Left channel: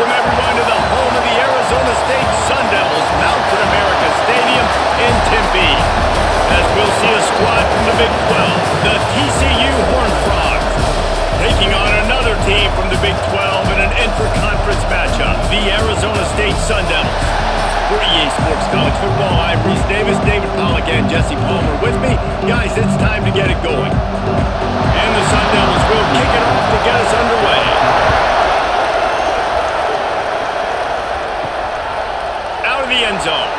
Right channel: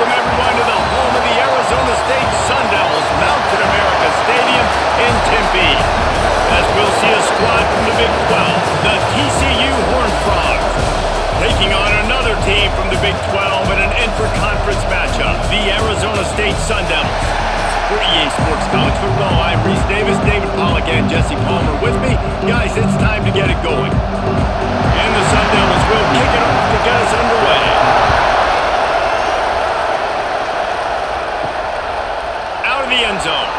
welcome everyone to the home of the Arizona State Sundevils, Mountain America Stadium in Tempe. As we'll see a squad from the Big 12, the TCU Horned Frogs, taking on another team from the Big 12 in an intra-conference matchup, the Arizona State Sundevils. For EA Sports College Football, I'm Reese Davis, David Pollack, and Jesse Palmer with me. Guys, it's time to get it going. And the Sundevils will kick it off to get us underway. Out of the end zone.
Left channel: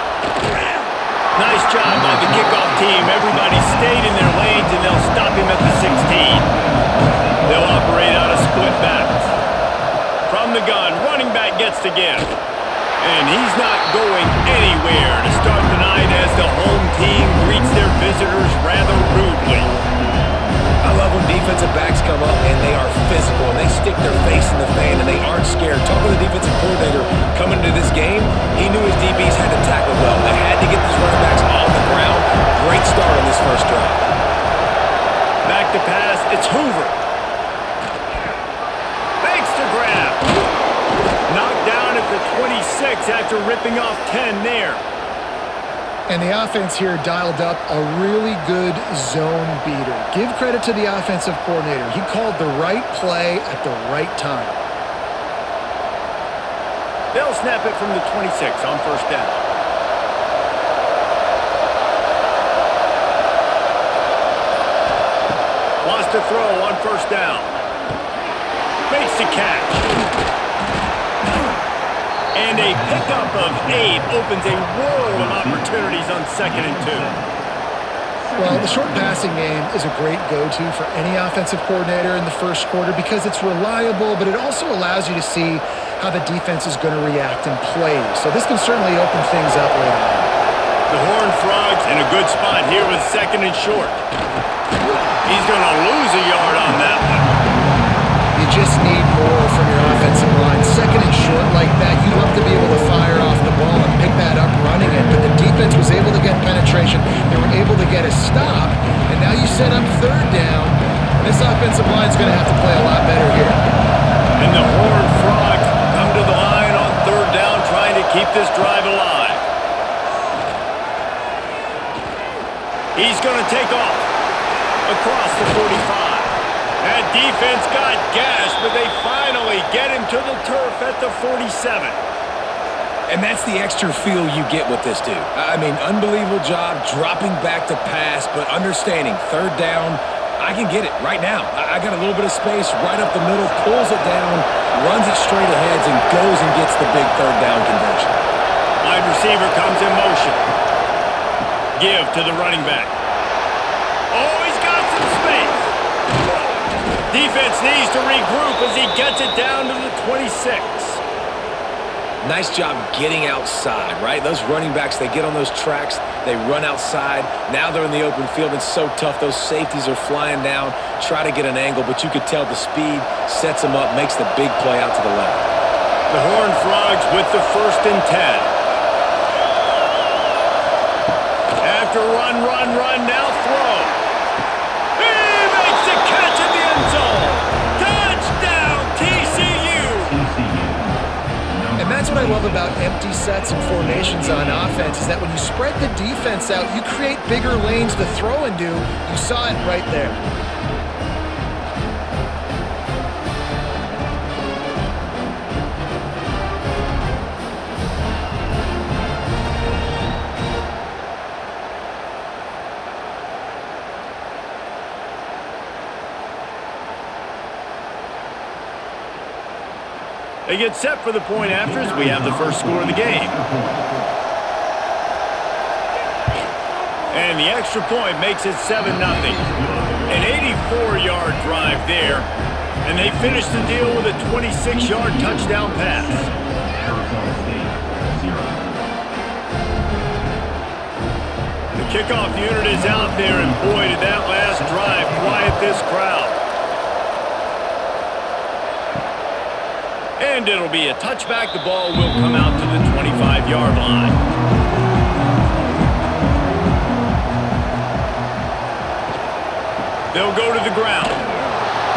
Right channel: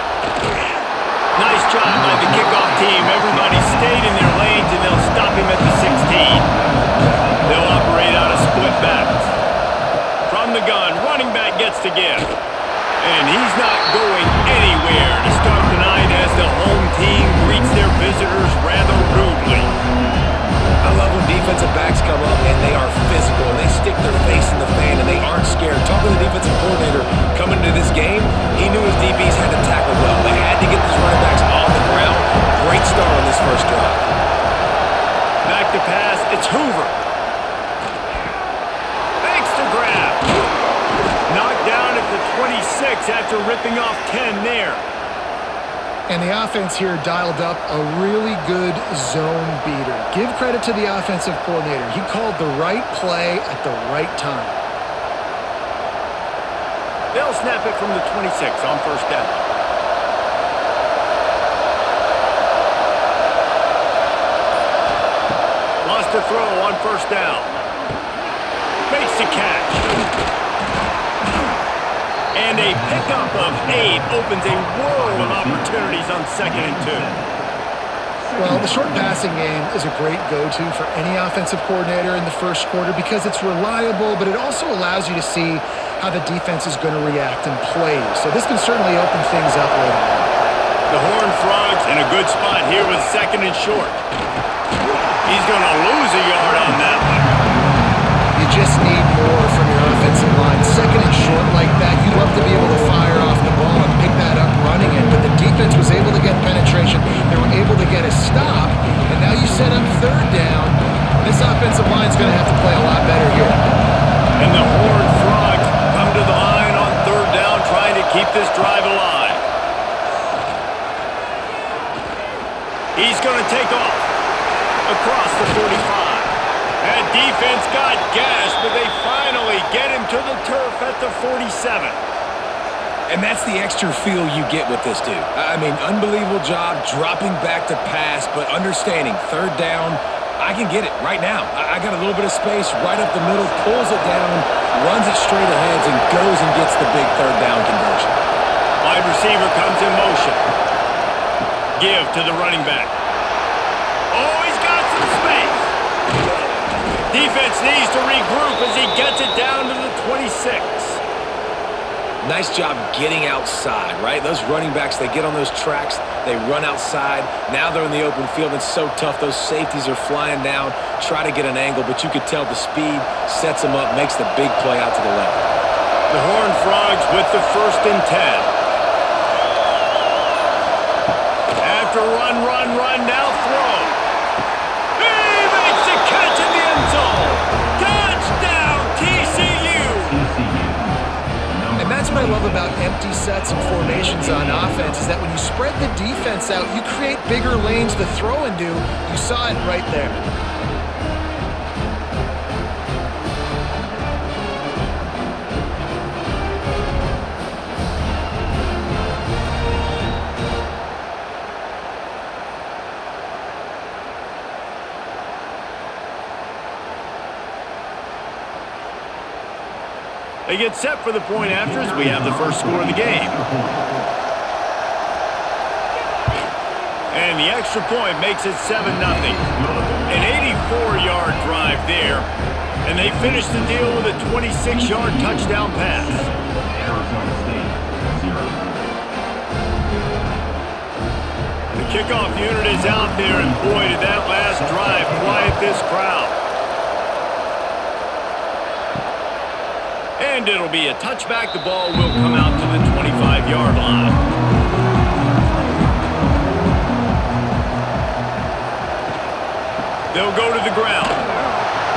Nice job by the kickoff team. Everybody stayed in their lanes, and they'll stop him at the 16. They'll operate out of split backs. From the gun, running back gets to give. And he's not going anywhere to start the night as the home team greets their visitors rather rudely. I love when defensive backs come up and they are physical and they stick their face in the fan and they aren't scared. Talking to the defensive coordinator coming into this game, he knew his DBs had to tackle well. They had to get these running backs on the ground. Great start on this first drive. Back to pass, it's Hoover. Fakes to grab. Knocked down at the 26 after ripping off 10 there. And the offense here dialed up a really good zone beater. Give credit to the offensive coordinator. He called the right play at the right time. They'll snap it from the 26 on first down. Wants to throw on first down. Makes the catch. And a pickup of 8 opens a world of opportunities on 2nd and 2. Well, the short passing game is a great go-to for any offensive coordinator in the first quarter because it's reliable, but it also allows you to see how the defense is going to react and play. So this can certainly open things up later on. The Horned Frogs in a good spot here with 2nd and short. He's going to lose a yard on that one. You just need more from your offensive line. 2nd and short like that, you'd love to be able to fire off the ball and pick that up running it. But the defense was able to get penetration. They were able to get a stop. And now you set up 3rd down. And this offensive line is going to have to play a lot better here. And the Horned Frogs come to the line on 3rd down, trying to keep this drive alive. He's going to take off across the 45. That defense got gashed, but they finally get him to the turf at the 47. And that's the extra feel you get with this dude. I mean, unbelievable job dropping back to pass, but understanding 3rd down, I can get it right now. I got a little bit of space right up the middle, pulls it down, runs it straight ahead, and goes and gets the big 3rd down conversion. Wide receiver comes in motion. Give to the running back. Oh, he's got some space. Defense needs to regroup as he gets it down to the 26. Nice job getting outside, right? Those running backs, they get on those tracks, they run outside. Now they're in the open field. It's so tough. Those safeties are flying down, try to get an angle, but you could tell the speed sets them up, makes the big play out to the left. The Horned Frogs with the 1st and 10. After run, now throw. Makes the catch in the end zone. Touchdown, TCU. And that's what I love about empty sets and formations on offense is that when you spread the defense out, you create bigger lanes to throw into. You saw it right there. They get set for the point after as we have the first score of the game. And the extra point makes it 7-0. An 84-yard drive there. And they finish the deal with a 26-yard touchdown pass. Arizona State, 0. The kickoff unit is out there, and boy, did that last drive quiet this crowd. And it'll be a touchback. The ball will come out to the 25-yard line. They'll go to the ground.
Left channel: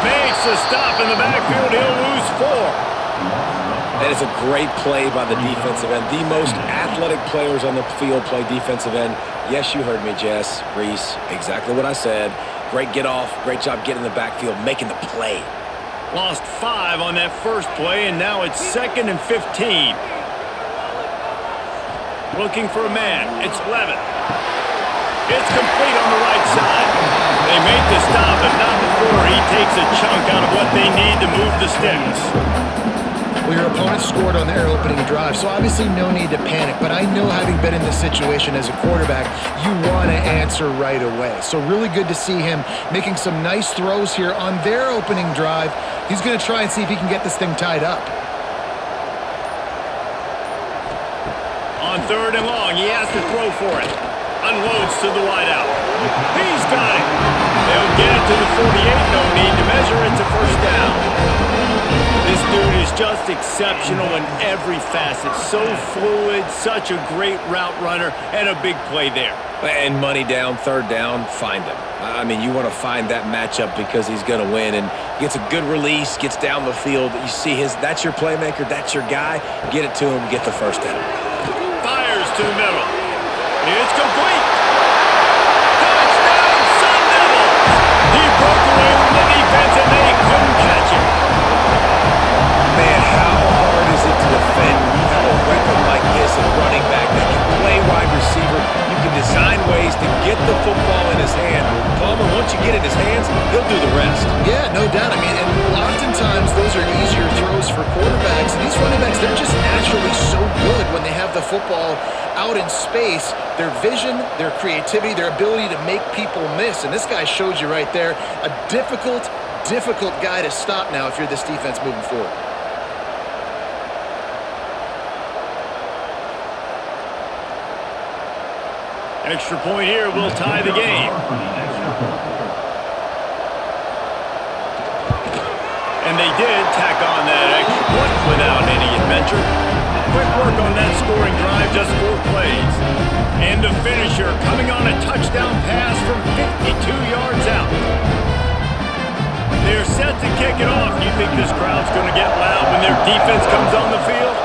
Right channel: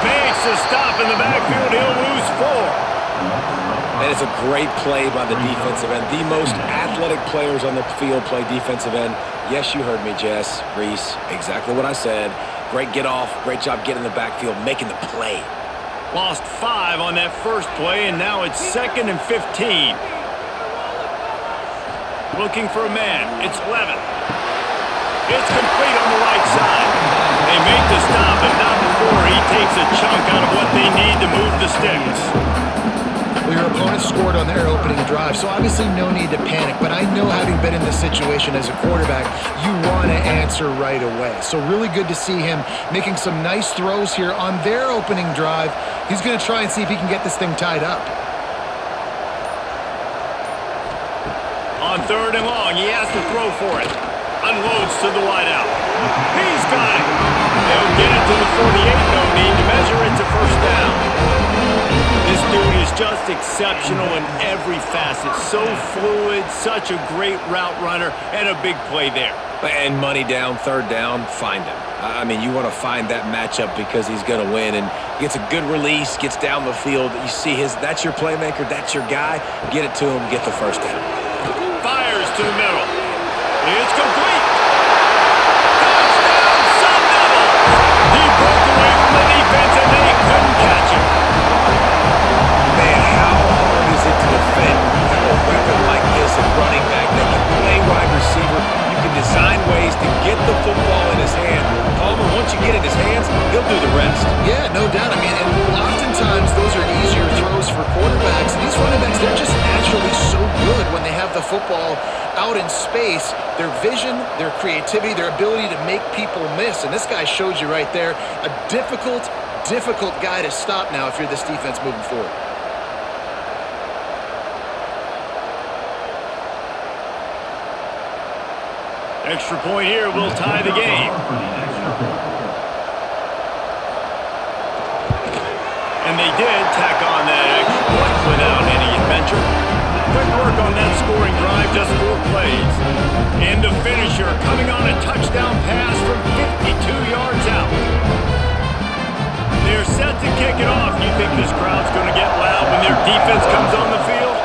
Makes a stop in the backfield. He'll lose 4. And it's a great play by the defensive end. The most athletic players on the field play defensive end. Yes, you heard me, Jess, Reese. Exactly what I said. Great get off. Great job getting in the backfield, making the play. Lost 5 on that first play, and now it's 2nd and 15. Looking for a man. It's Levin. It's complete on the right side. They make the stop, but not before he takes a chunk out of what they need to move the sticks. Well, your opponent scored on their opening drive, so obviously no need to panic. But I know, having been in this situation as a quarterback, you want to answer right away. So really good to see him making some nice throws here on their opening drive. He's going to try and see if he can get this thing tied up. On 3rd and long, he has to throw for it. Unloads to the wideout. He's got it. They'll get it to the 48. No need to measure. It's a first down. This dude is just exceptional in every facet. So fluid, such a great route runner, and a big play there. And money down, 3rd down, find him. I mean, you want to find that matchup because he's going to win. And he gets a good release, gets down the field. You see that's your playmaker, that's your guy. Get it to him, get the first down. Fires to the middle. It's complete. Touchdown, Sundevils. He broke away from the defense, and they couldn't catch him. Man, how hard is it to defend when you have a weapon like this at running back that can play wide receiver? You can design ways to get the football in his hand. Well, Palmer, once you get it in his hands, he'll do the rest. Yeah, no doubt. I mean, and oftentimes those are easier throws for quarterbacks. These running backs, they're just naturally so good when they have the football out in space. Their vision, their creativity, their ability to make people miss. And this guy showed you right there, a difficult guy to stop now if you're this defense moving forward. Extra point here will tie the game. And they did tack on that extra point without any adventure. Quick work on that scoring drive, just 4 plays. And the finisher coming on a touchdown pass from 52 yards out. They're set to kick it off. You think this crowd's going to get loud when their defense comes on the field?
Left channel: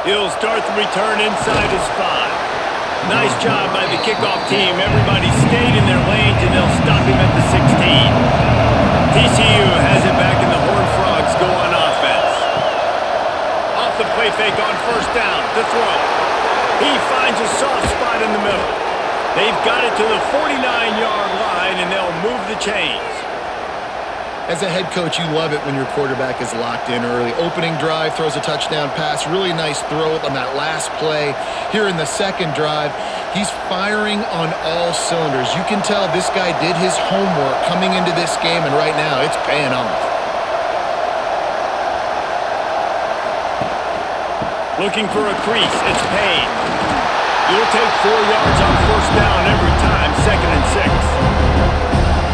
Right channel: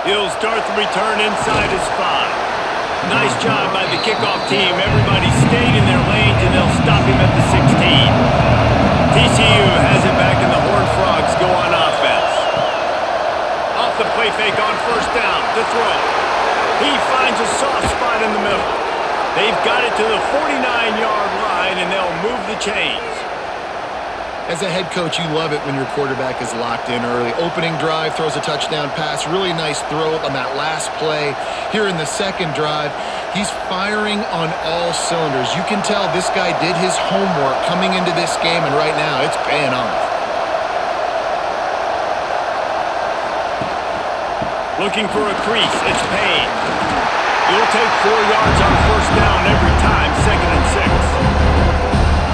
He'll start the return inside his 5. Nice job by the kickoff team. Everybody stayed in their lanes, and they'll stop him at the 16. TCU has it back, and the Horned Frogs go on offense. Off the play fake on 1st down to throw. He finds a soft spot in the middle. They've got it to the 49-yard line, and they'll move the chains. As a head coach, you love it when your quarterback is locked in early. Opening drive, throws a touchdown pass. Really nice throw on that last play. Here in the 2nd drive, he's firing on all cylinders. You can tell this guy did his homework coming into this game, and right now it's paying off. Looking for a crease. It's Payne. You'll take 4 yards on 1st down every time, 2nd and 6.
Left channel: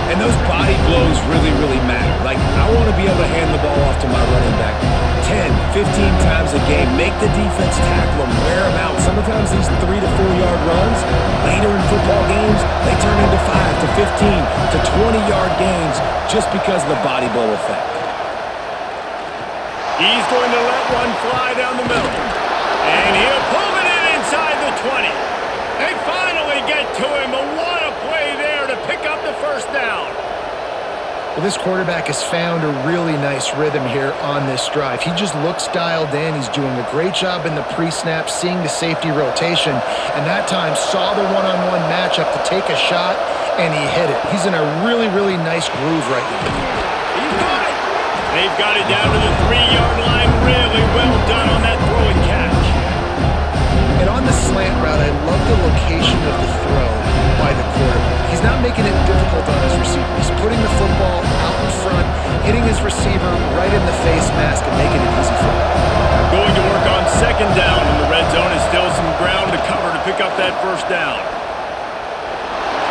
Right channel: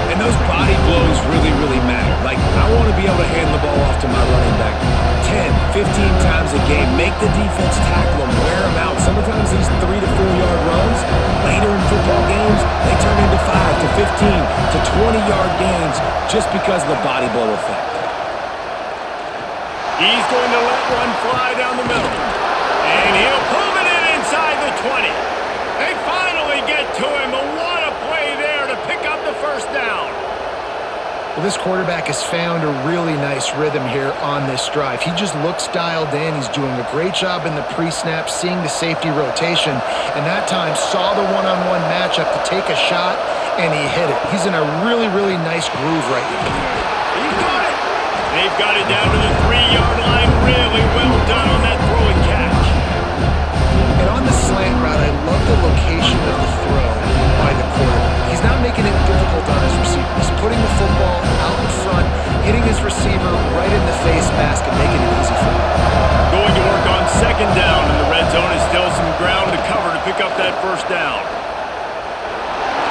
And those body blows really, really matter. Like, I want to be able to hand the ball off to my running back 10, 15 times a game. Make the defense tackle them, wear them out. Sometimes these 3 to 4 yard runs, later in football games, they turn into 5 to 15 to 20-yard gains just because of the body blow effect. He's going to let one fly down the middle. And he'll pull it in inside the 20. They finally get to him, but what a play there to pick up the 1st down. Well, this quarterback has found a really nice rhythm here on this drive. He just looks dialed in. He's doing a great job in the pre-snap, seeing the safety rotation, and that time saw the one-on-one matchup to take a shot, and he hit it. He's in a really, really nice groove right now. He's got it. They've got it down to the 3-yard line. Really well done on that throw and catch. And on the slant route, I love the location of the throw by the quarterback. He's not making it difficult on his receiver. He's putting the football out in front, hitting his receiver right in the face mask and making it easy for him. Going to work on 2nd down, and the red zone is still some ground to cover to pick up that 1st down.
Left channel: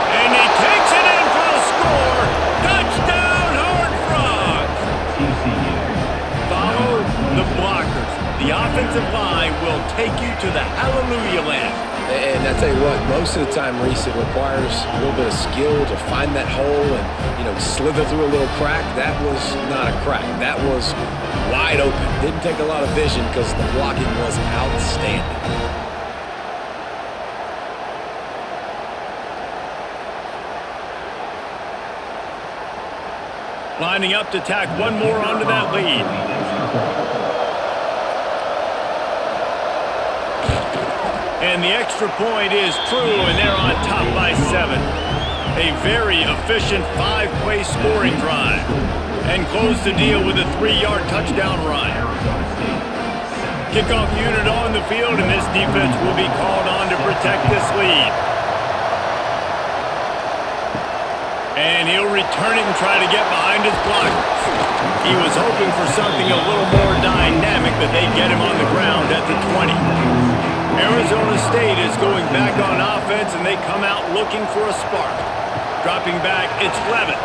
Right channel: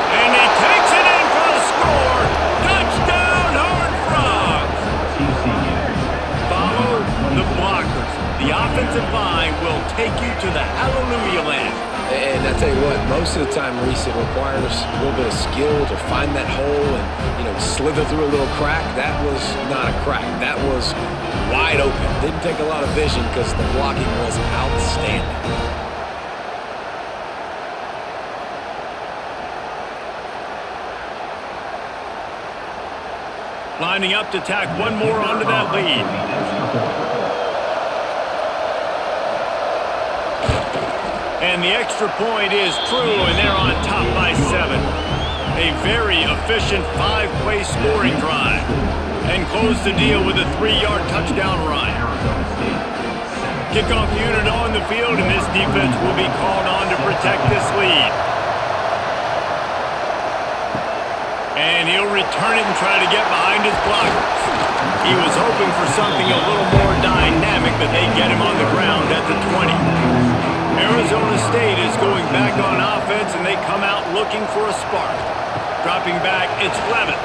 And he takes it in for the score. Touchdown, Horned Frogs! TCU. Follow the blockers. The offensive line will take you to the Hallelujah Land. And I tell you what, most of the time, Reese, it requires a little bit of skill to find that hole and, slither through a little crack. That was not a crack. That was wide open. Didn't take a lot of vision because the blocking was outstanding. Lining up to tack one more onto that lead. And the extra point is true, and they're on top by 7. A very efficient 5-play scoring drive. And close the deal with a 3-yard touchdown run. Kickoff unit on the field, and this defense will be called on to protect this lead. And he'll return it and try to get behind his blockers. He was hoping for something a little more dynamic, but they get him on the ground at the 20. Arizona State is going back on offense, and they come out looking for a spark. Dropping back, it's Levin.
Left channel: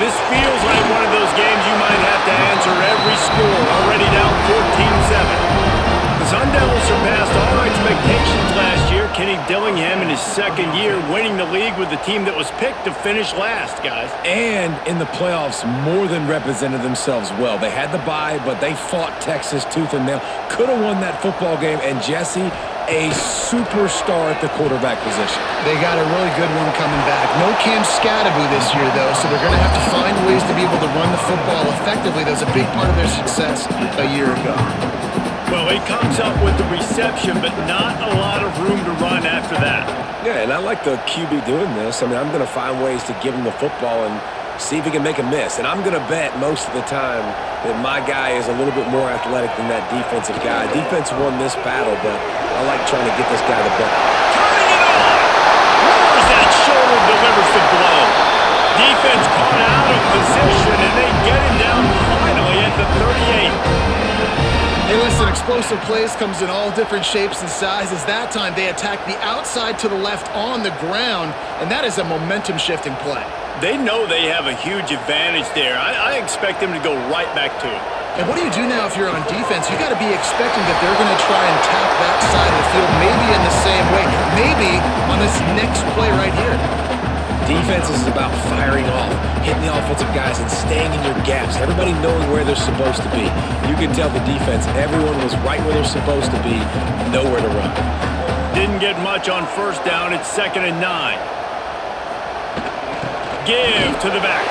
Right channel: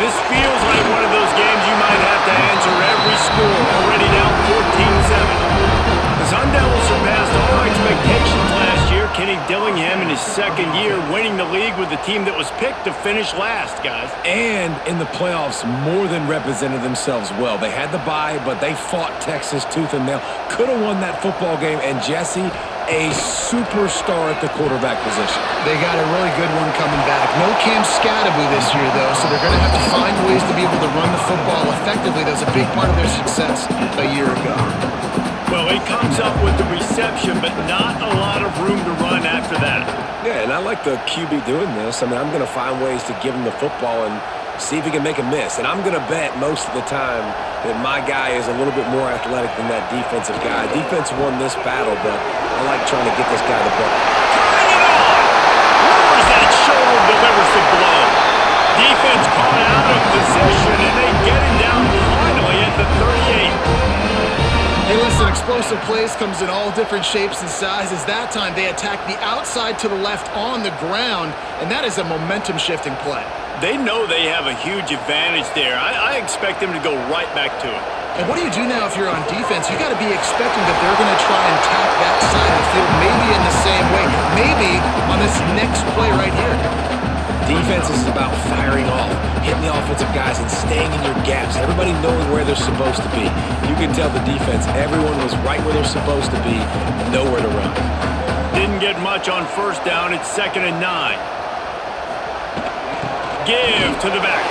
This feels like one of those games you might have to answer every score, already down 14-7. The Sundevils surpassed all expectations last year. Kenny Dillingham in his second year winning the league with the team that was picked to finish last, guys. And in the playoffs, more than represented themselves well. They had the bye, but they fought Texas tooth and nail. Could have won that football game, and Jesse, a superstar at the quarterback position. They got a really good one coming back. No Cam Scadaboo this year, though, so they're going to have to find ways to be able to run the football effectively. That was a big part of their success a year ago. Well, he comes up with the reception, but not a lot of room to run after that. Yeah, and I like the QB doing this. I mean, I'm going to find ways to give him the football and see if he can make a miss. And I'm going to bet most of the time that my guy is a little bit more athletic than that defensive guy. Defense won this battle, but I like trying to get this guy the ball. Turning it on! Lowers that shoulder, delivers the blow. Defense caught out of position, and they get him down finally at the 38. Hey, listen, explosive plays comes in all different shapes and sizes. That time, they attacked the outside to the left on the ground, and that is a momentum-shifting play. They know they have a huge advantage there. I expect them to go right back to it. And what do you do now if you're on defense? You got to be expecting that they're going to try and tack that side of the field, maybe in the same way, maybe on this next play right here. Defense is about firing off, hitting the offensive guys, and staying in your gaps. Everybody knowing where they're supposed to be. You can tell the defense, everyone was right where they're supposed to be, nowhere to run. Didn't get much on first down. It's 2nd and 9. Give to the back.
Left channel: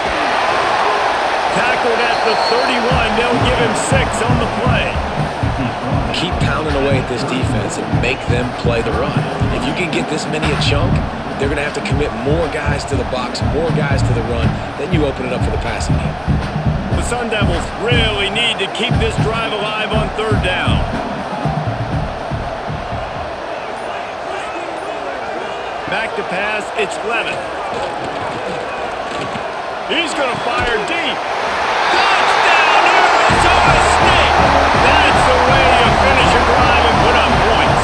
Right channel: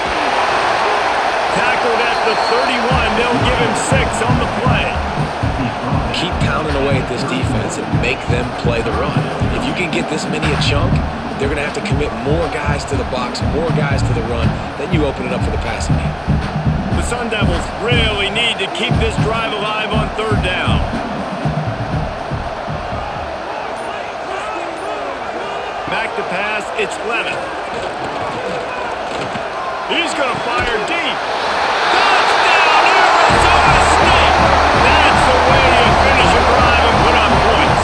Tackled at the 31. They'll give him 6 on the play. Keep pounding away at this defense and make them play the run. If you can get this many a chunk, they're going to have to commit more guys to the box, more guys to the run. Then you open it up for the passing game. The Sun Devils really need to keep this drive alive on 3rd down. Back to pass, it's Levin. He's going to fire deep. Touchdown, Arizona State! That's the way you finish a drive and put up points.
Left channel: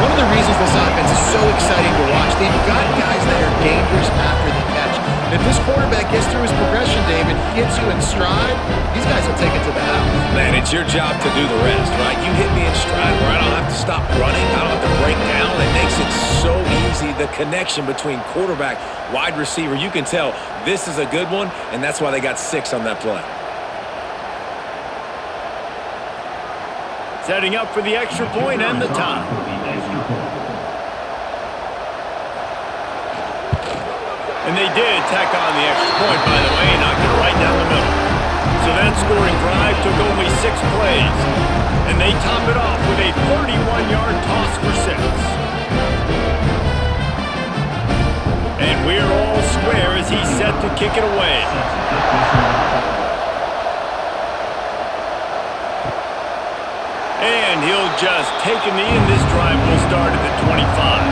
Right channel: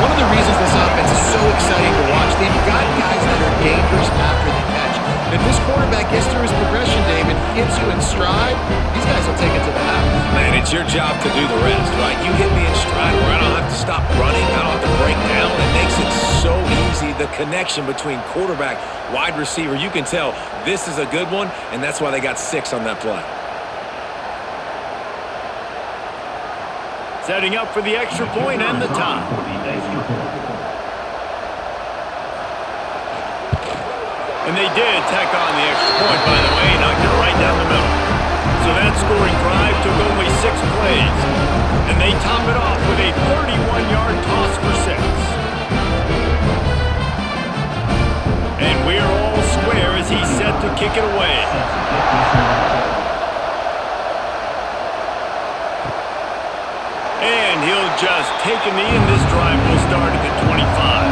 One of the reasons this offense is so exciting to watch, they've got guys that are dangerous after the catch. And if this quarterback gets through his progression, David, hits you in stride, these guys will take it to the house. Man, it's your job to do the rest, right? You hit me in stride where I don't have to stop running, I don't have to break down. It makes it so easy, the connection between quarterback, wide receiver. You can tell this is a good one, and that's why they got 6 on that play. Setting up for the extra point and the tie. And they did tack on the extra point, by the way, knocked it right down the middle. So that scoring drive took only 6 plays. And they top it off with a 31-yard toss for 6. And we're all square as he's set to kick it away. And he'll just take a knee, and this drive will start at the 25.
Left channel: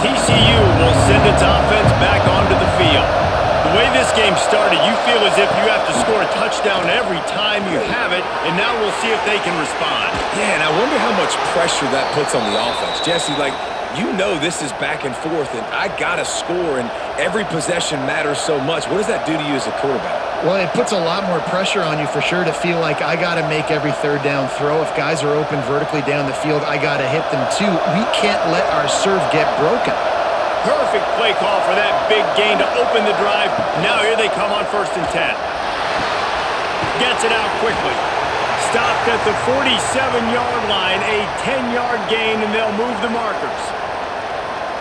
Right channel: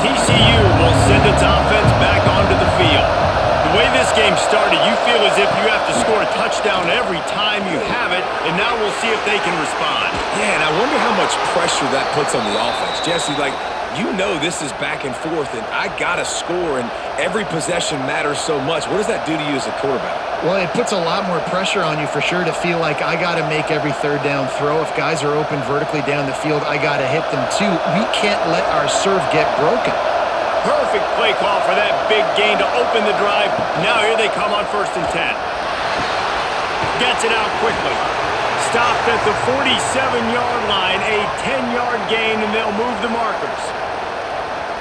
TCU will send its offense back onto the field. The way this game started, you feel as if you have to score a touchdown every time you have it, and now we'll see if they can respond. Yeah, and I wonder how much pressure that puts on the offense. Jesse, you know this is back and forth, and I got to score, and every possession matters so much. What does that do to you as a quarterback? Well, it puts a lot more pressure on you for sure to feel like I got to make every third down throw. If guys are open vertically down the field, I got to hit them too. We can't let our serve get broken. Perfect play call for that big gain to open the drive. Now here they come on 1st and 10. Gets it out quickly. Stopped at the 47-yard line, a 10-yard gain, and they'll move the markers.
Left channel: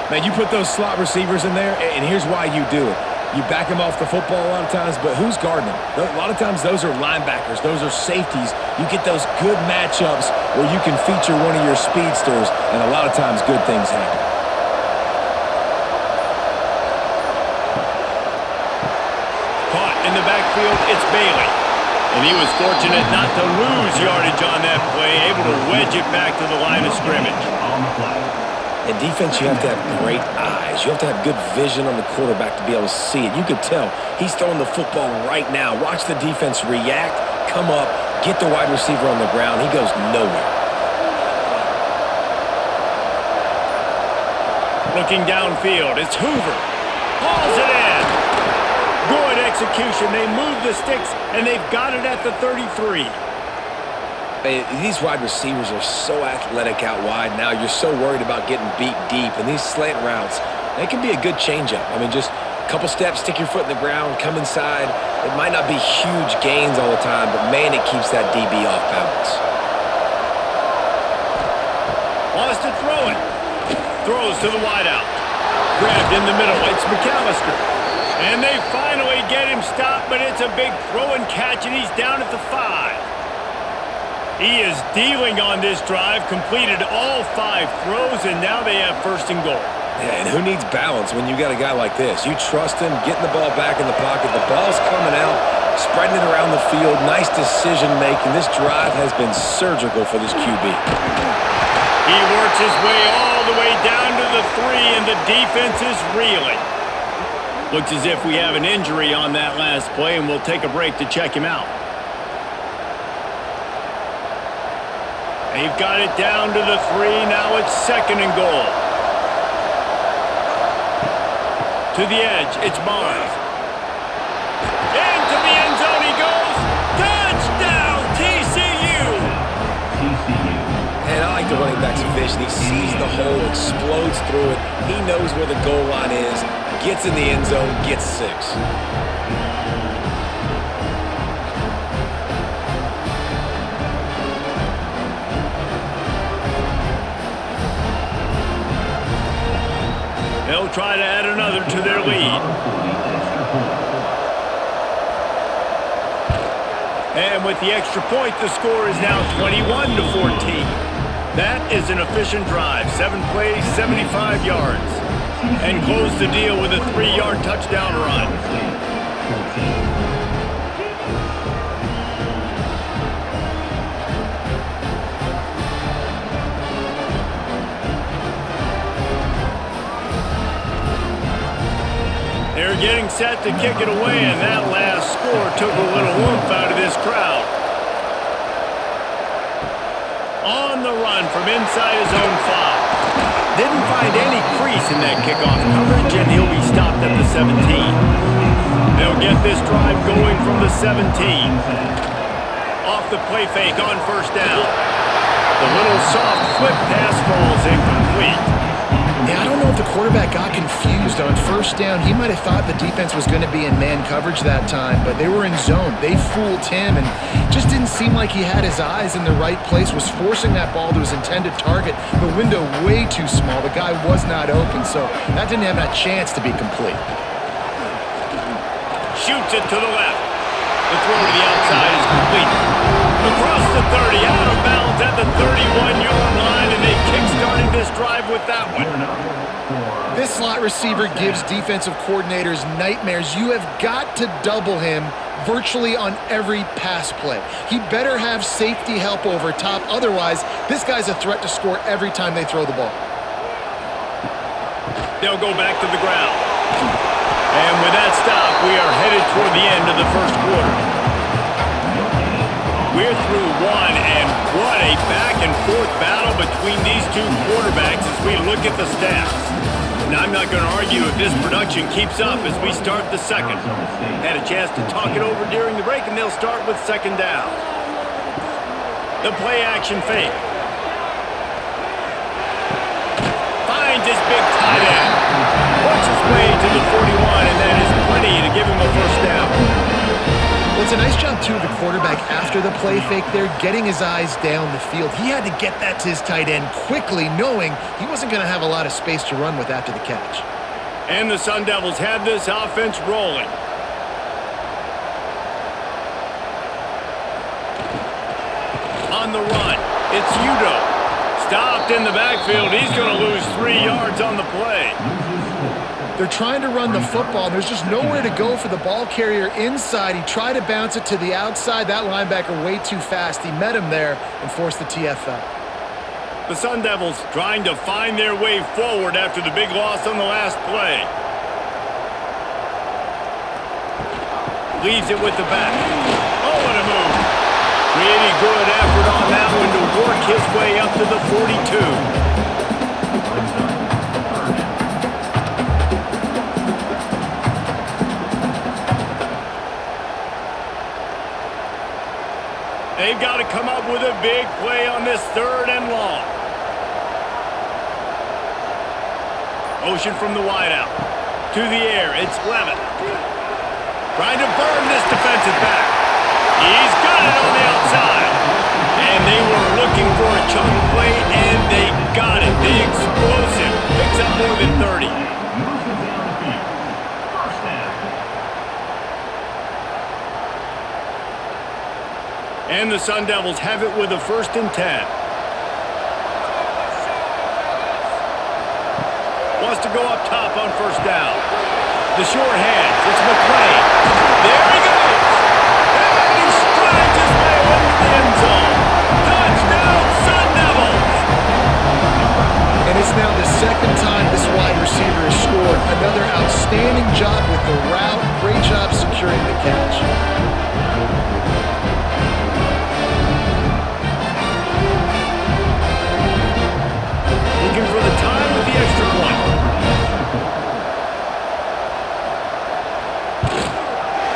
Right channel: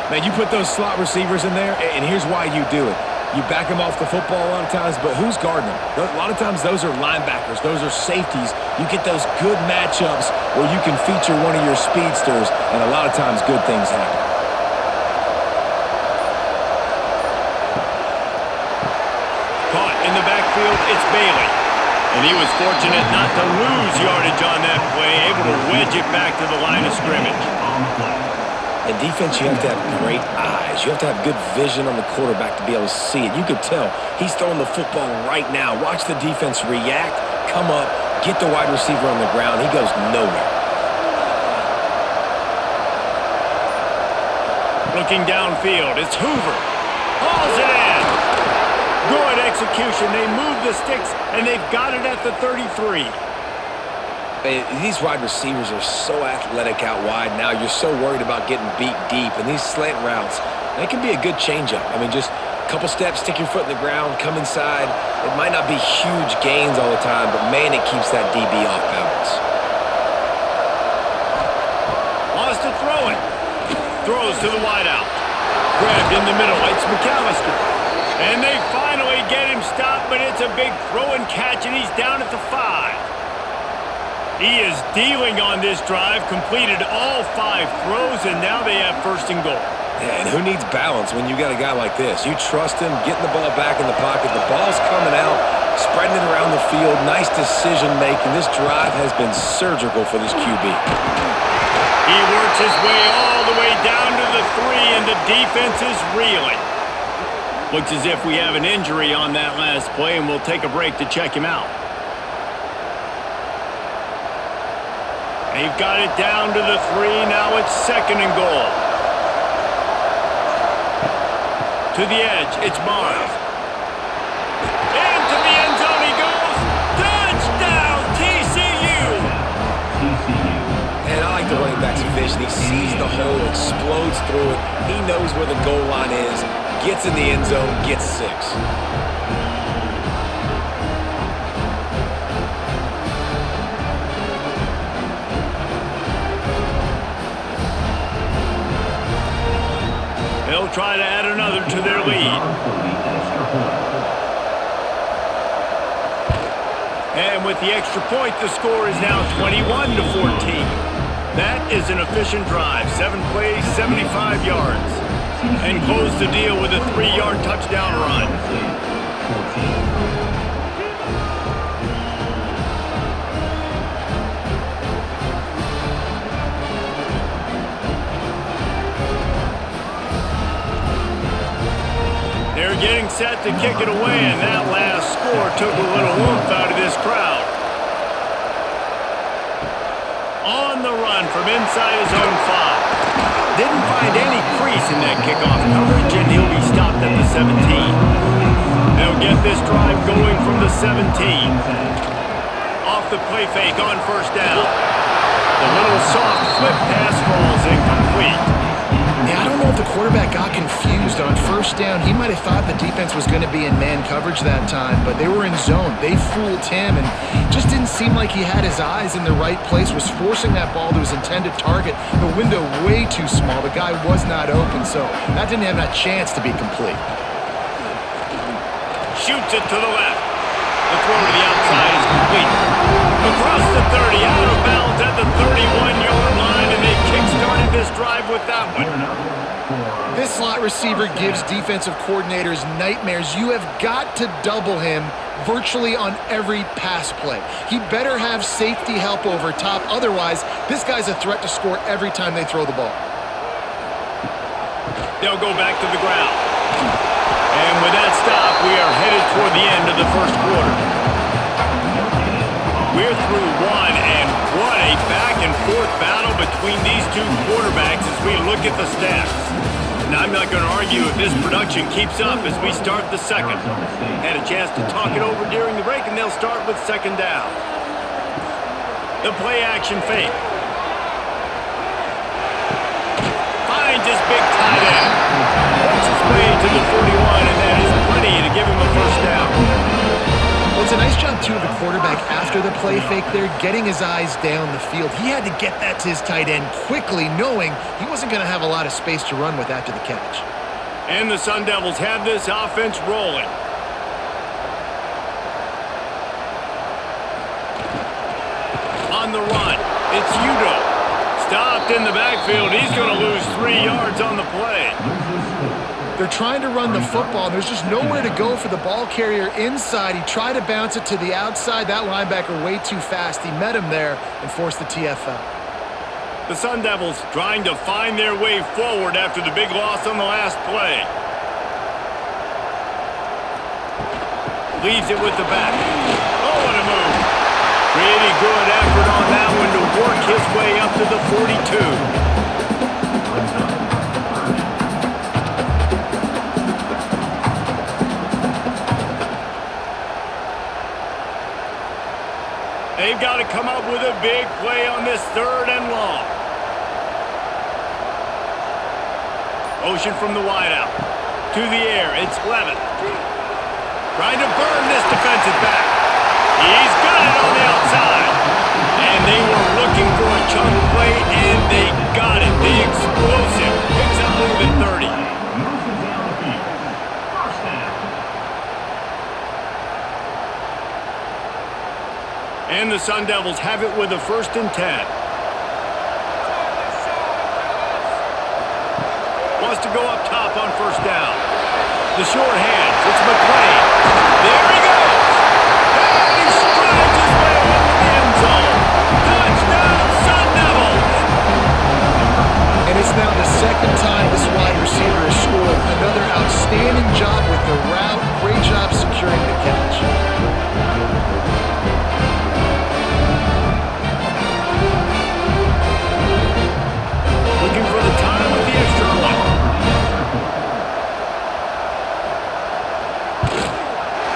Man, you put those slot receivers in there, and here's why you do it. You back them off the football a lot of times, but who's guarding them? A lot of times those are linebackers. Those are safeties. You get those good matchups where you can feature one of your speedsters, and a lot of times good things happen. Caught in the backfield, it's Bailey. And he was fortunate not to lose yardage on that play, able to wedge it back to the line of scrimmage. On the play. In defense, you have to have great eyes. You have to have good vision on the quarterback to be able to see it. You could tell he's throwing the football right now. Watch the defense react, come up, get the wide receiver on the ground. He goes nowhere. Looking downfield, it's Hoover. Hauls it in. Good execution. They move the sticks, and they've got it at the 33. These wide receivers are so athletic out wide now. You're so worried about getting beat deep. And these slant routes, they can be a good changeup. I mean, just a couple steps, stick your foot in the ground, come inside. It might not be huge gains all the time, but, man, it keeps that DB off balance. Wants to throw it. Throws to the wideout. Grabbed in the middle. It's McAllister. And they finally get him stopped, but it's a big throw and catch, and he's down at the 5. He is dealing on this drive, completed all 5 throws, and now they have 1st and goal. Yeah, and who needs balance when you got a guy like this? You trust him, getting the ball back in the pocket. The ball's coming out, spreading it around the field. Nice decision-making. This drive has been surgical for this QB. He works his way all the way down to the 3, and the defense is reeling. Looks as if we have an injury on that last play, and we'll take a break to check him out. They've got it down to the 3. Now it's 2nd and goal. To the edge, it's Barnes. Into the end zone he goes. Touchdown, TCU! TCU. And I like the running back's vision. He sees the hole, explodes through it. He knows where the goal line is. Gets in the end zone, gets 6. They'll try to add another to their lead. And with the extra point, the score is now 21-14. That is an efficient drive. 7 plays, 75 yards. And close the deal with a 3-yard touchdown run. 14. They're getting set to kick it away, and that last score took a little oomph out of this crowd. On the run from inside his own 5. Didn't find any crease in that kickoff coverage, and he'll be stopped at the 17. They'll get this drive going from the 17. Off the play fake on 1st down. The little soft flip pass falls incomplete. Yeah, I don't know if the quarterback got confused on 1st down. He might have thought the defense was going to be in man coverage that time, but they were in zone. They fooled him and just didn't seem like he had his eyes in the right place, was forcing that ball to his intended target. The window way too small. The guy was not open, so that didn't have that chance to be complete. Shoots it to the left. The throw to the outside is complete. Across the 30, out of bounds at the 31-yard line, and they kick-started this drive with that one. This slot receiver gives defensive coordinators nightmares. You have got to double him virtually on every pass play. He better have safety help over top. Otherwise, this guy's a threat to score every time they throw the ball. They'll go back to the ground. And with that stop, we are headed toward the end of the first quarter. We're through one, and what a back-and-forth battle between these two quarterbacks as we look at the stats. And I'm not going to argue if this production keeps up as we start the second. Had a chance to talk it over during the break, and they'll start with second down. The play-action fake. Finds his big tight end. Works his way to the 41, and that is plenty to give him a first down. Well, it's a nice job, too, of the quarterback after the play fake there, getting his eyes down the field. He had to get that to his tight end quickly, knowing he wasn't going to have a lot of space to run with after the catch. And the Sundevils have this offense rolling. On the run, it's Udo. Stopped in the backfield. He's going to lose 3 yards on the play. They're trying to run the football, and there's just nowhere to go for the ball carrier inside. He tried to bounce it to the outside. That linebacker way too fast. He met him there and forced the TFL. The Sundevils trying to find their way forward after the big loss on the last play. Leaves it with the back. Oh, what a move. Pretty good effort on that one to work his way up to the 42. They've got to come up with a big play on this third and long. Motion from the wideout. To the air, it's Levin. Trying to burn this defensive back. He's got it on the outside. And they were looking for a chunk play, and they got it. The explosive picks up more than 30. Moves it down the field. First down. And the Sundevils have it with a 1st and 10. Wants to go up top on first down. The short hands, it's McClain. There he goes. And he strides his way into the end zone. Touchdown, Sun Devils! And it's now the second time this wide receiver has scored. Another outstanding job with the route. Great job securing the catch. Looking for the time with the extra point.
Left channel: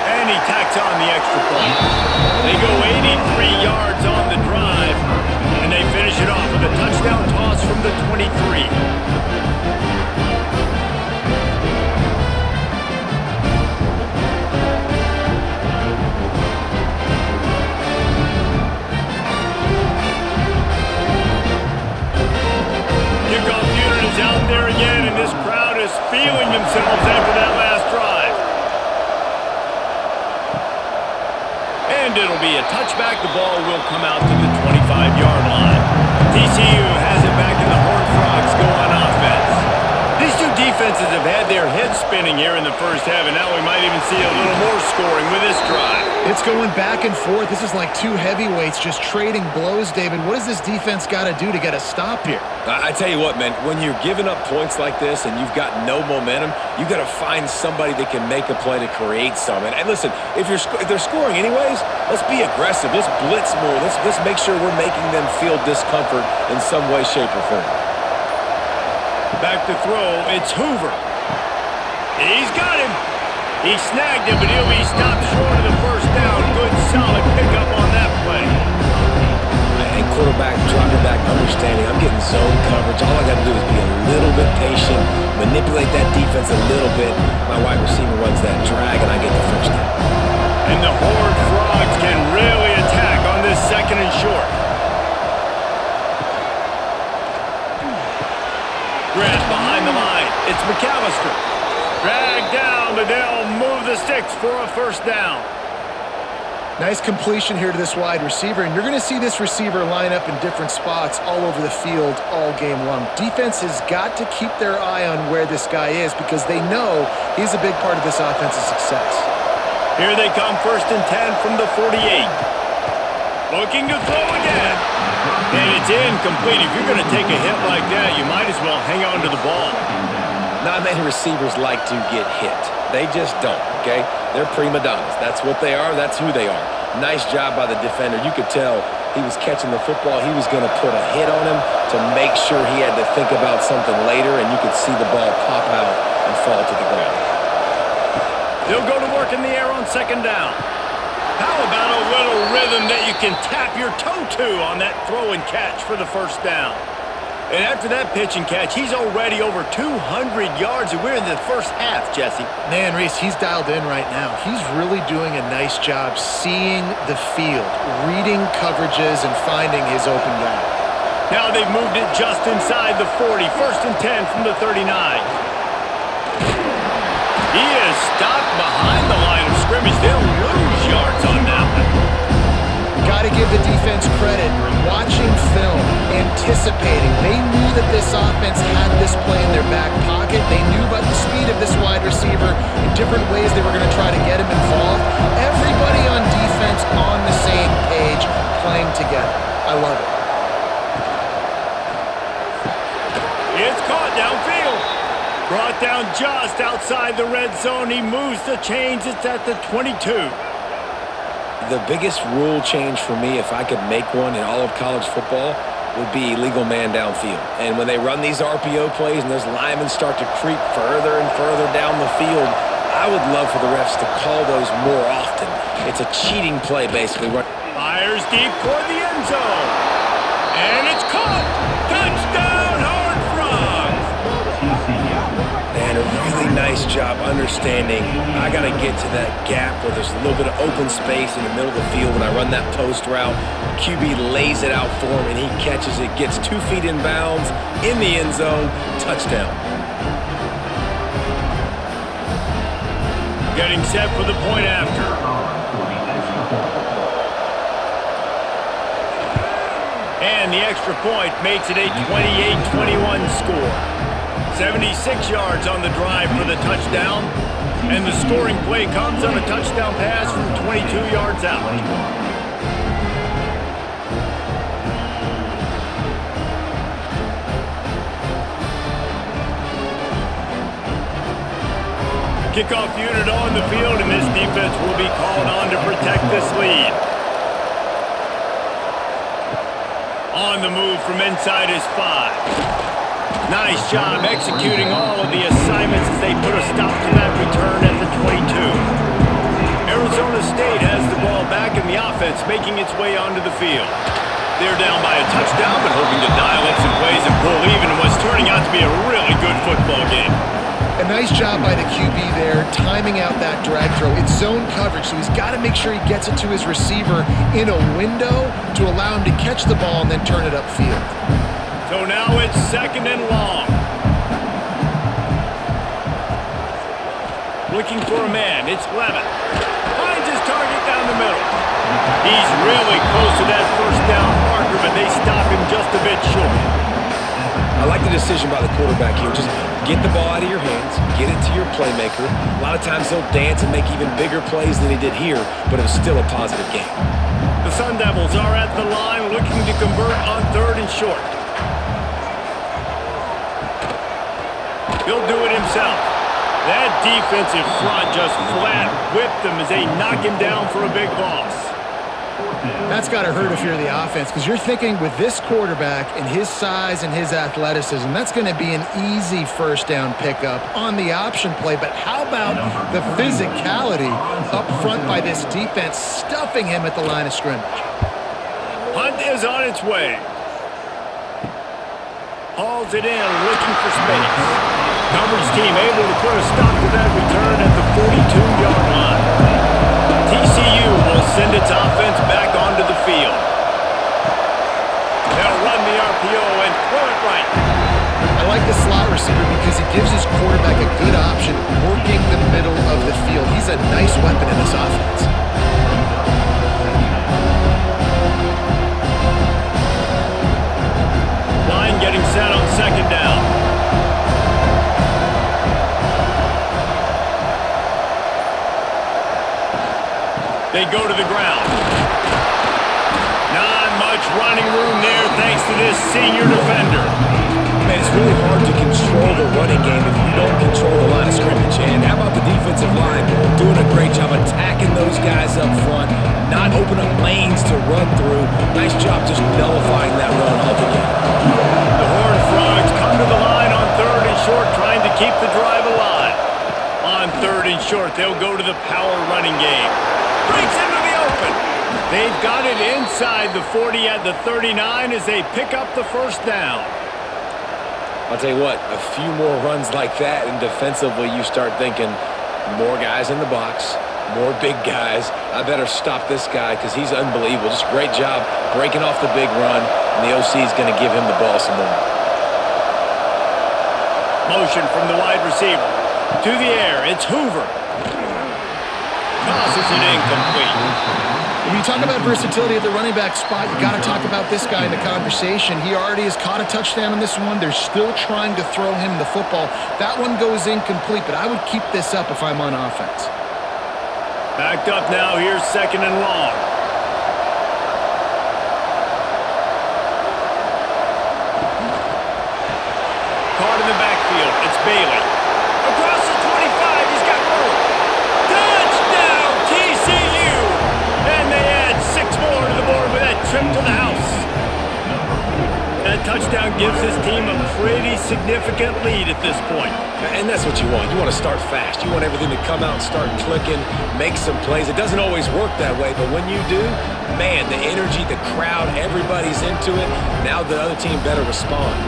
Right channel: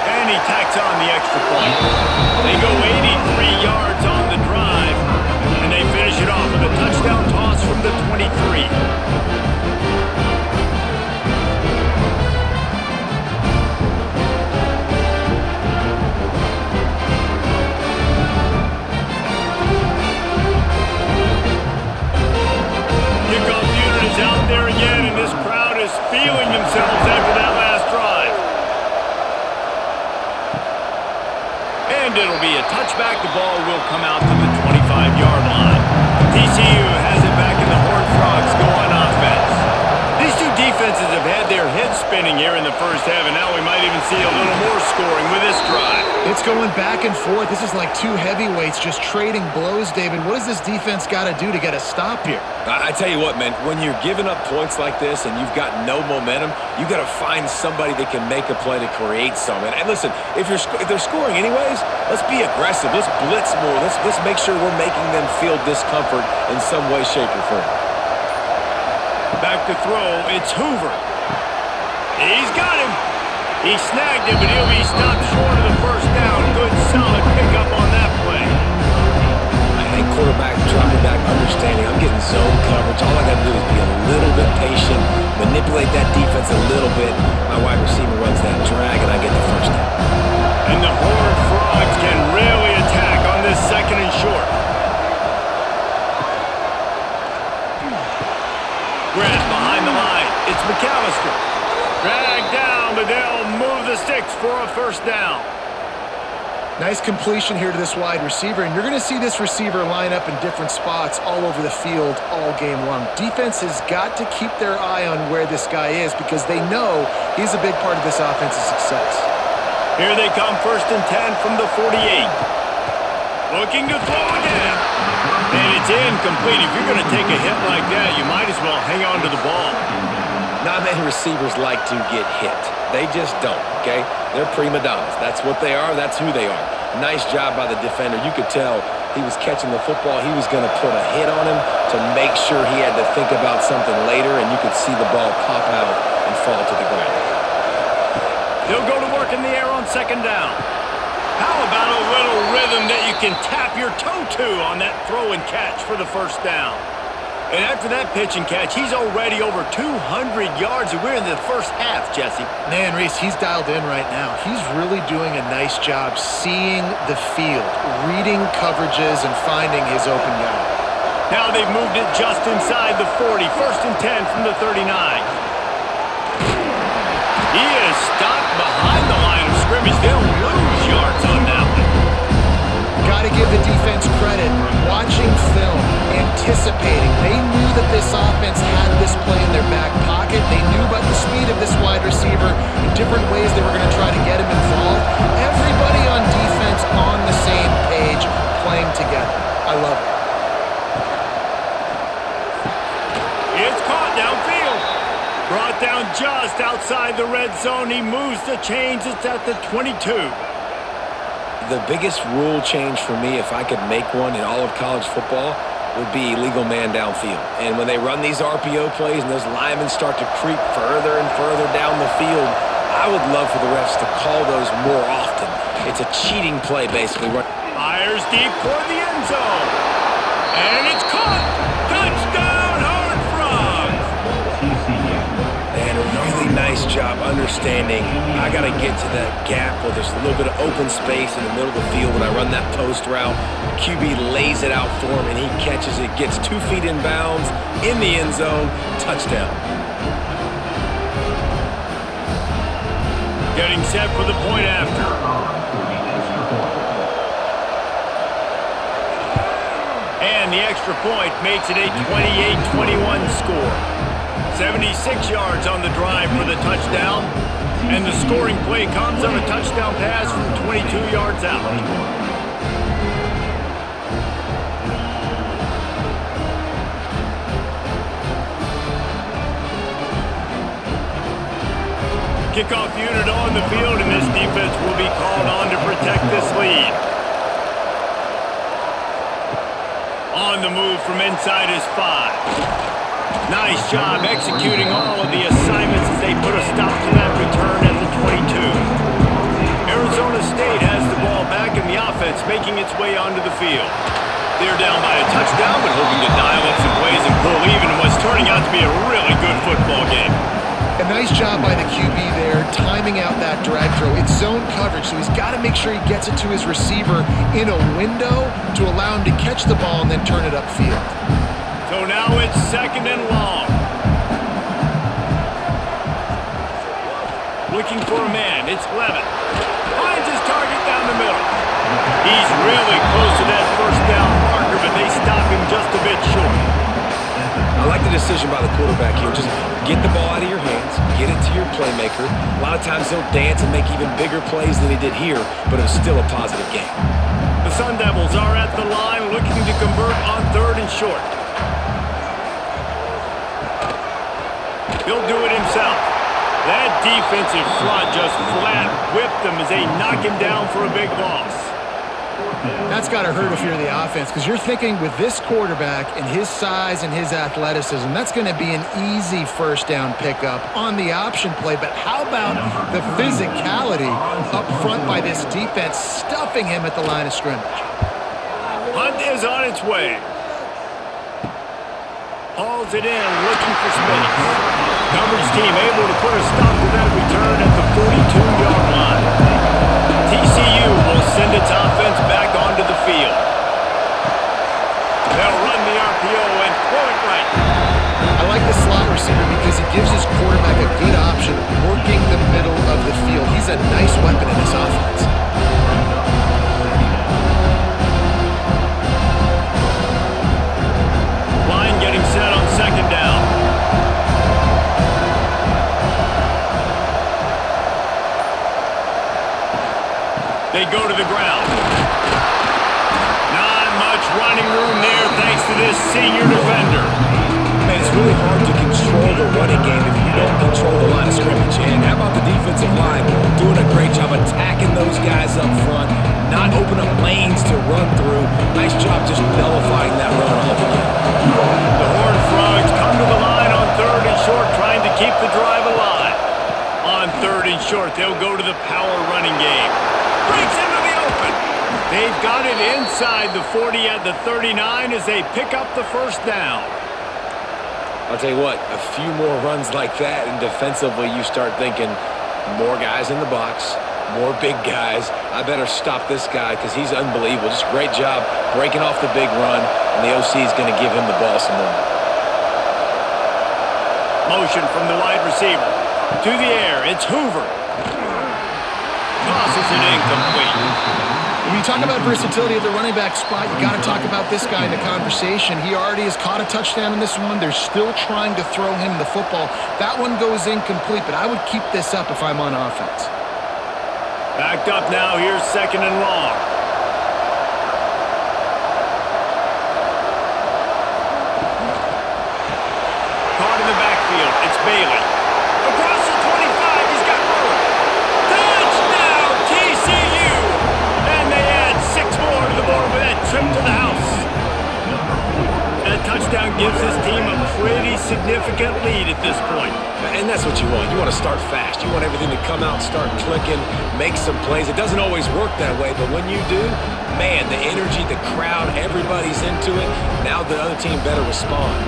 And he tacks on the extra point. They go 83 yards on the drive, and they finish it off with a touchdown toss from the 23. Kickoff unit is out there again, and this crowd is feeling themselves after that last drive. And it'll be a touchback. The ball will come out to the 25-yard line. TCU has it back, and the Horned Frogs go on offense. These two defenses have had their heads spinning here in the first half, and now we might even see a little more scoring with this drive. It's going back and forth. This is like two heavyweights just trading blows, David. What does this defense got to do to get a stop here? I tell you what, man, when you're giving up points like this and you've got no momentum, you got to find somebody that can make a play to create some. And listen, if they're scoring anyways, let's be aggressive. Let's blitz more. Let's make sure we're making them feel discomfort in some way, shape, or form. Back to throw, it's Hoover. He's got him. He snagged him, but he'll be stopped short of the first down. Good, solid pickup on that play. And quarterback dropping back, understanding. I'm getting zone coverage. All I got to do is be a little bit patient, manipulate that defense a little bit. My wide receiver runs that drag, and I get the first down. And the Horned Frogs can really attack on this 2nd and short. Grab behind the line. It's McAllister. Dragged down, but they'll move the sticks for a first down. Nice completion here to this wide receiver, and you're going to see this receiver line up in different spots all over the field all game long. Defense has got to keep their eye on where this guy is because they know he's a big part of this offense's success. Here they come, 1st and 10 from the 48. Looking to throw again. And it's incomplete. If you're going to take a hit like that, you might as well hang on to the ball. Not many receivers like to get hit. They just don't, okay? They're prima donnas. That's what they are. That's who they are. Nice job by the defender. You could tell he was catching the football. He was going to put a hit on him to make sure he had to think about something later, and you could see the ball pop out and fall to the ground. They'll go to work in the air on second down. How about a little rhythm that you can tap your toe to on that throw and catch for the first down? And after that pitch and catch, he's already over 200 yards, and we're in the first half, Jesse. Man, Reese, he's dialed in right now. He's really doing a nice job seeing the field, reading coverages, and finding his open guy. Now they've moved it just inside the 40. First and 10 from the 39. He is stopped behind the line of scrimmage. They'll lose yards on that one. Got to give the defense credit. Watching film, anticipating. They knew that this offense had this play in their back pocket. They knew about the speed of this wide receiver in different ways they were going to try to get him involved. Everybody on defense on the same page, playing together. I love it. It's caught downfield. Brought down just outside the red zone. He moves the chains. It's at the 22. The biggest rule change for me, if I could make one in all of college football, would be illegal man downfield. And when they run these RPO plays and those linemen start to creep further and further down the field, I would love for the refs to call those more often. It's a cheating play, basically. Fires deep toward the end zone. And it's caught. Touchdown, Horned Frogs. TCU. And a really nice job understanding I got to get to that gap where there's a little bit of open space in the middle of the field. When I run that post route, QB lays it out for him, and he catches it, gets 2 feet in bounds, in the end zone, touchdown. Getting set for the point after. For the extra point. And the extra point makes it a 28-21 score. 76 yards on the drive for the touchdown. And the scoring play comes on a touchdown pass from 22 yards out. Kickoff unit on the field, and this defense will be called on to protect this lead. On the move from inside his 5. Nice job executing all of the assignments as they put a stop to that return at the 22. Arizona State has the ball back in the offense, making its way onto the field. They're down by a touchdown, but hoping to dial up some plays and pull even in what's turning out to be a really good football game. A nice job by the QB there, timing out that drag throw. It's zone coverage, so he's got to make sure he gets it to his receiver in a window to allow him to catch the ball and then turn it upfield. So now it's second and long. Looking for a man. It's Levin. Finds his target down the middle. He's really close to that first down marker, but they stop him just a bit short. I like the decision by the quarterback here. Just get the ball out of your hands, get it to your playmaker. A lot of times he'll dance and make even bigger plays than he did here, but it was still a positive game. The Sundevils are at the line looking to convert on third and short. He'll do it himself. That defensive front just flat whipped them as they knock him down for a big loss. That's got to hurt if you're the offense, because you're thinking with this quarterback and his size and his athleticism, that's going to be an easy first down pickup on the option play. But how about the physicality up front by this defense, stuffing him at the line of scrimmage? Punt is on its way. Hauls it in, looking for space. Coverage team able to put a stop to that return at the 42-yard line. TCU will send its offense back onto the field. They'll run the RPO and throw it right. I like the slot receiver because he gives his quarterback a good option working the middle of the field. He's a nice weapon in this offense. Line getting set on second down. They go to the ground. Not much running room there thanks to this senior defender. man, it's really hard to control the running game if you don't control the line of scrimmage. And how about the defensive line doing a great job attacking those guys up front, not open up lanes to run through. Nice job just nullifying that run altogether. The Horned Frogs come to the line on 3rd and short, trying to keep the drive alive. On 3rd and short, they'll go to the power running game. Breaks into the open. They've got it inside the 40 at the 39 as they pick up the first down. I'll tell you what, a few more runs like that, and defensively you start thinking more guys in the box, more big guys. I better stop this guy because he's unbelievable. Just great job breaking off the big run, and the OC is going to give him the ball some more. Motion from the wide receiver. To the air, it's Hoover. Tosses it incomplete. When you talk about versatility at the running back spot, you got to talk about this guy in the conversation. He already has caught a touchdown on this one. They're still trying to throw him the football. That one goes incomplete, but I would keep this up if I'm on offense. Backed up now, here's 2nd and long. Caught in the backfield, it's Bailey. Across the 25, he's got room. Touchdown, TCU! And they add 6 more to the board with that trip to the house. That touchdown gives his team a pretty significant lead at this point. And that's what you want. You want to start fast. You want everything to come out and start clicking, make some plays. It doesn't always work that way, but when you do, man, the energy, the crowd, everybody's into it. Now the other team better respond.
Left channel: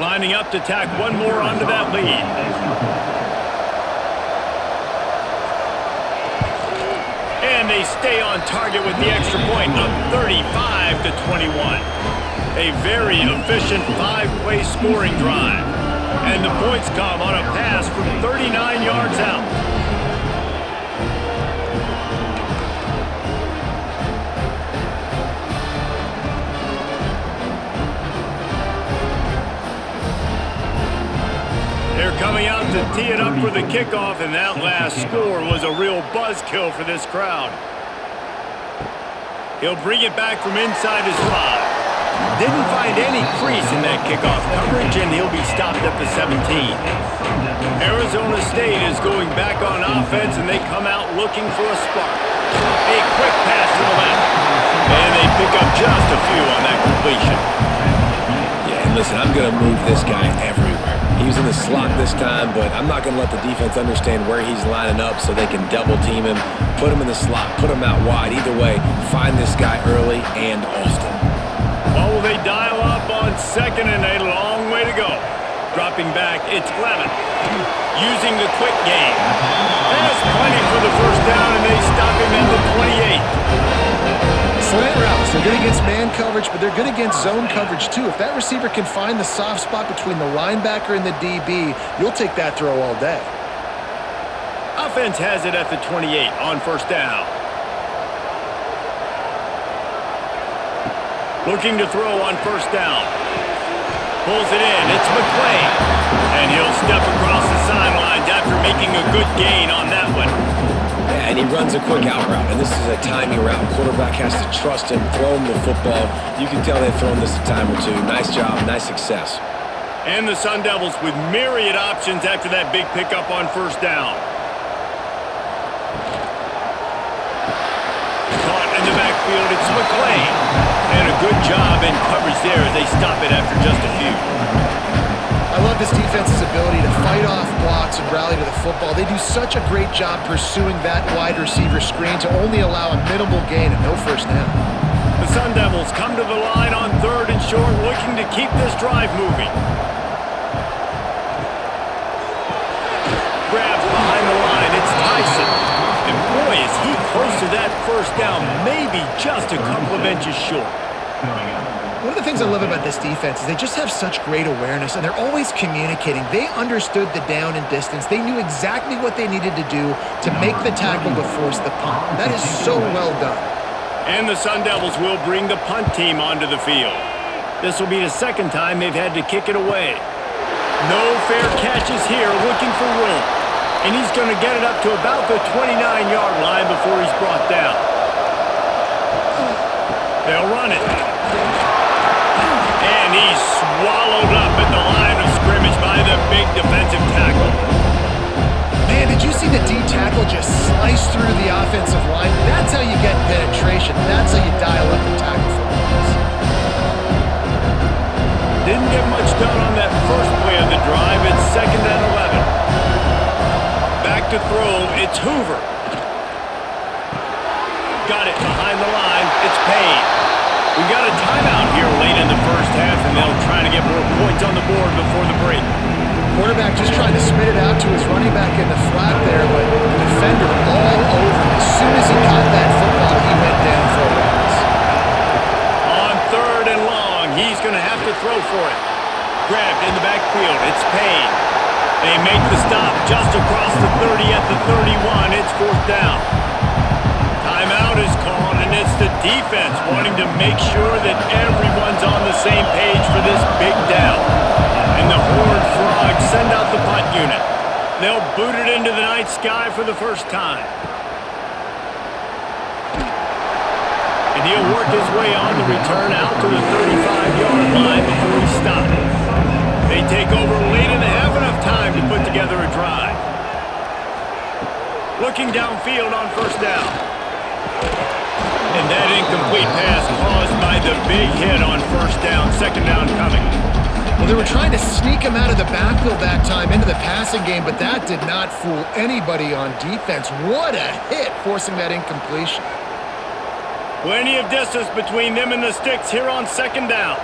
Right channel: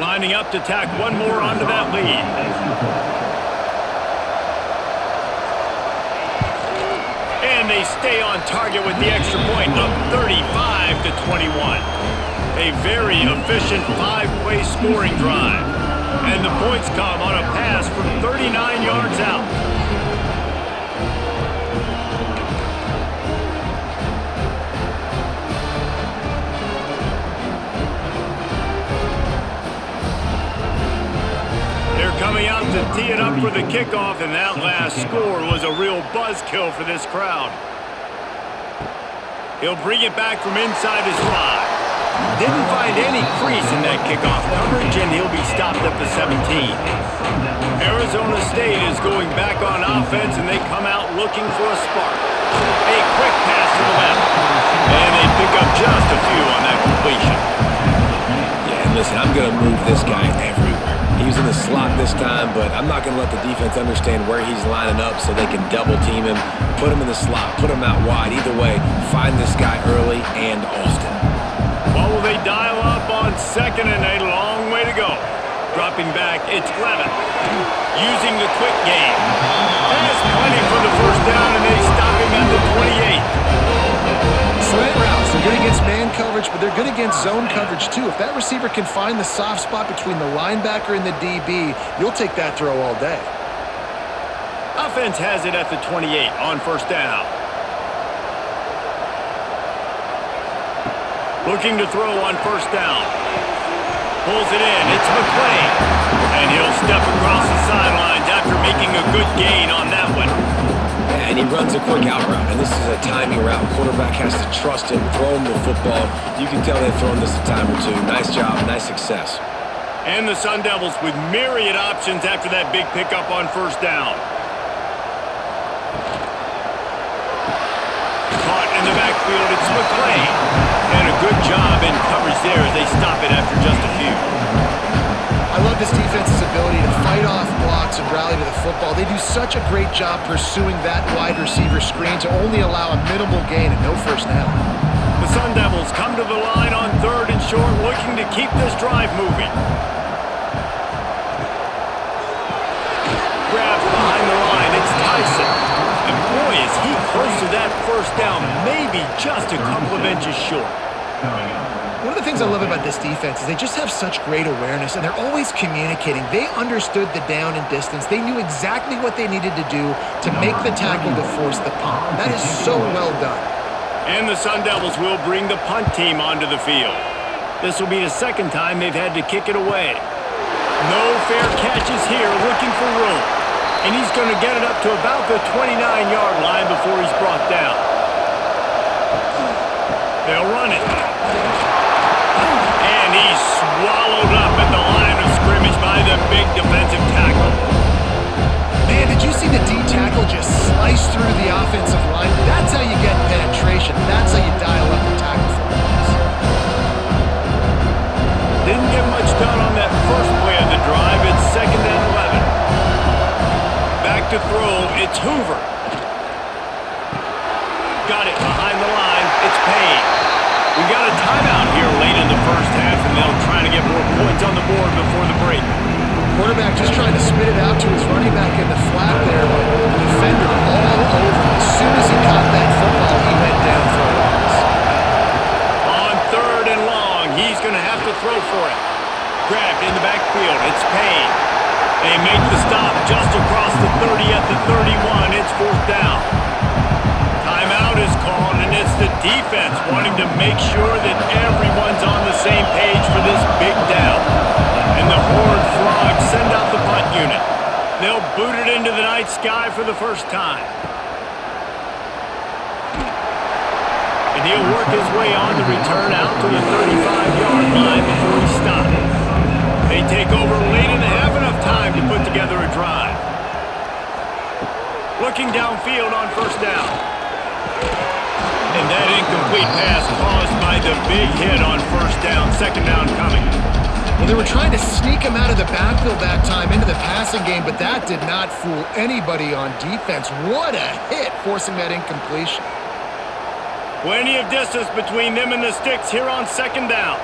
Lining up to tack one more onto that lead. And they stay on target with the extra point, up 35-21. A very efficient 5-play scoring drive. And the points come on a pass from 39 yards out. They're coming out to tee it up for the kickoff, and that last score was a real buzzkill for this crowd. He'll bring it back from inside his 5. Didn't find any crease in that kickoff coverage, and he'll be stopped at the 17. Arizona State is going back on offense, and they come out looking for a spark. A quick pass to the left, and they pick up just a few on that completion. Yeah, and listen, I'm going to move this guy everywhere. He was in the slot this time, but I'm not going to let the defense understand where he's lining up so they can double team him, put him in the slot, put him out wide. Either way, find this guy early and often. Well, will they dial up on 2nd and a long way to go? Dropping back, it's Levin. Using the quick game. Has plenty for the first down, and they stop him at the 28. Slant routes, they're good against man coverage, but they're good against zone coverage too. If that receiver can find the soft spot between the linebacker and the DB, you'll take that throw all day. Offense has it at the 28 on 1st down. Looking to throw on 1st down. Pulls it in, it's McClain. And he'll step across the sidelines after making a good gain on that one. Yeah, and he runs a quick out route, and this is a timing route. Quarterback has to trust him, throw him the football. You can tell they've thrown this a time or two. Nice job, nice success. And the Sundevils with myriad options after that big pickup on 1st down. Caught in the backfield, it's McClain. And a good job in coverage there as they stop it after just a few. I love this defense's ability to fight off blocks and rally to the football. They do such a great job pursuing that wide receiver screen to only allow a minimal gain and no first down. The Sundevils come to the line on 3rd and short, looking to keep this drive moving. Grabbed behind the line, it's Tyson. And boy, is he close to that first down, maybe just a couple of inches short. One of the things I love about this defense is they just have such great awareness, and they're always communicating. They understood the down and distance. They knew exactly what they needed to do to make the tackle to force the punt. That is so well done. And the Sundevils will bring the punt team onto the field. This will be the 2nd time they've had to kick it away. No fair catches here, looking for room. And he's going to get it up to about the 29-yard line before he's brought down. They'll run it. And he's swallowed up at the line of scrimmage by the big defensive tackle. Man, did you see the D tackle just slice through the offensive line? That's how you get penetration. That's how you dial up the tackle for loss. Didn't get much done on that first play of the drive. It's 2nd and 11. Back to throw. It's Hoover. Got it behind the line. It's Payne. We got a timeout here late in the first half, and they'll try to get more points on the board before the break. Quarterback just trying to spit it out to his running back in the flat there, but the defender all over him. As soon as he caught that football, he went down for a loss. On 3rd and long, he's going to have to throw for it. Grabbed in the backfield. It's Payne. They make the stop just across the 30 at the 31. It's 4th down. Timeout is called, and it's the defense wanting to make sure that everyone's on the same page for this big down. And the Horned Frogs send out the punt unit. They'll boot it into the night sky for the first time. And he'll work his way on the return out to the 35-yard line before he stops. They take over late and have enough time to put together a drive. Looking downfield on 1st down. And that incomplete pass caused by the big hit on 1st down. 2nd down coming. Well, they were trying to sneak him out of the backfield that time into the passing game, but that did not fool anybody on defense. What a hit, forcing that incompletion. Plenty of distance between them and the sticks here on 2nd down.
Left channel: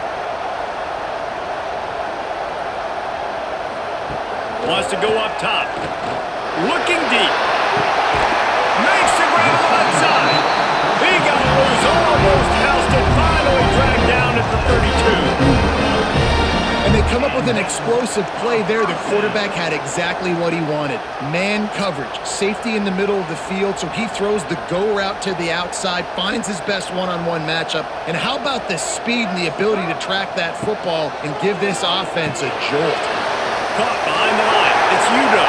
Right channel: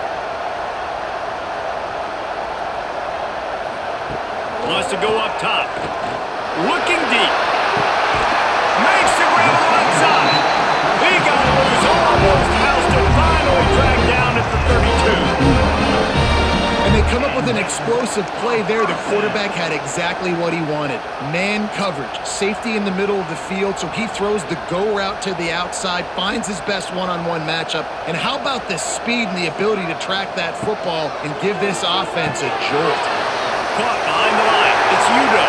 Wants to go up top. Looking deep. Makes the grab on the left side. He got loose, almost housed it, finally dragged down at the 32. And they come up with an explosive play there. The quarterback had exactly what he wanted. Man coverage, safety in the middle of the field, so he throws the go route to the outside, finds his best one-on-one matchup. And how about the speed and the ability to track that football and give this offense a jolt? Caught behind the line. It's Udo.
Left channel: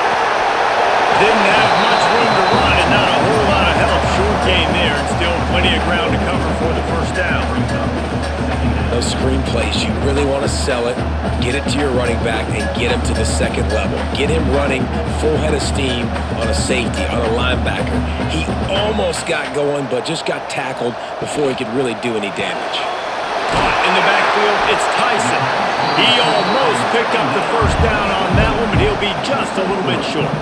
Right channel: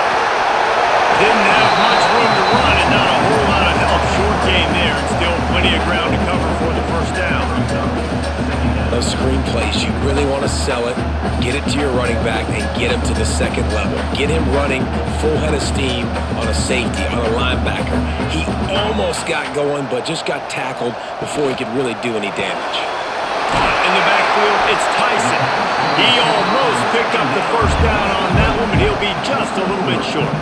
Didn't have much room to run and not a whole lot of help. Short gain there and still plenty of ground to cover for the 1st down. Those screen plays, you really want to sell it, get it to your running back, and get him to the 2nd level. Get him running full head of steam on a safety, on a linebacker. He almost got going, but just got tackled before he could really do any damage. Caught in the backfield, it's Tyson. He almost picked up the 1st down on that one, but he'll be just a little bit short.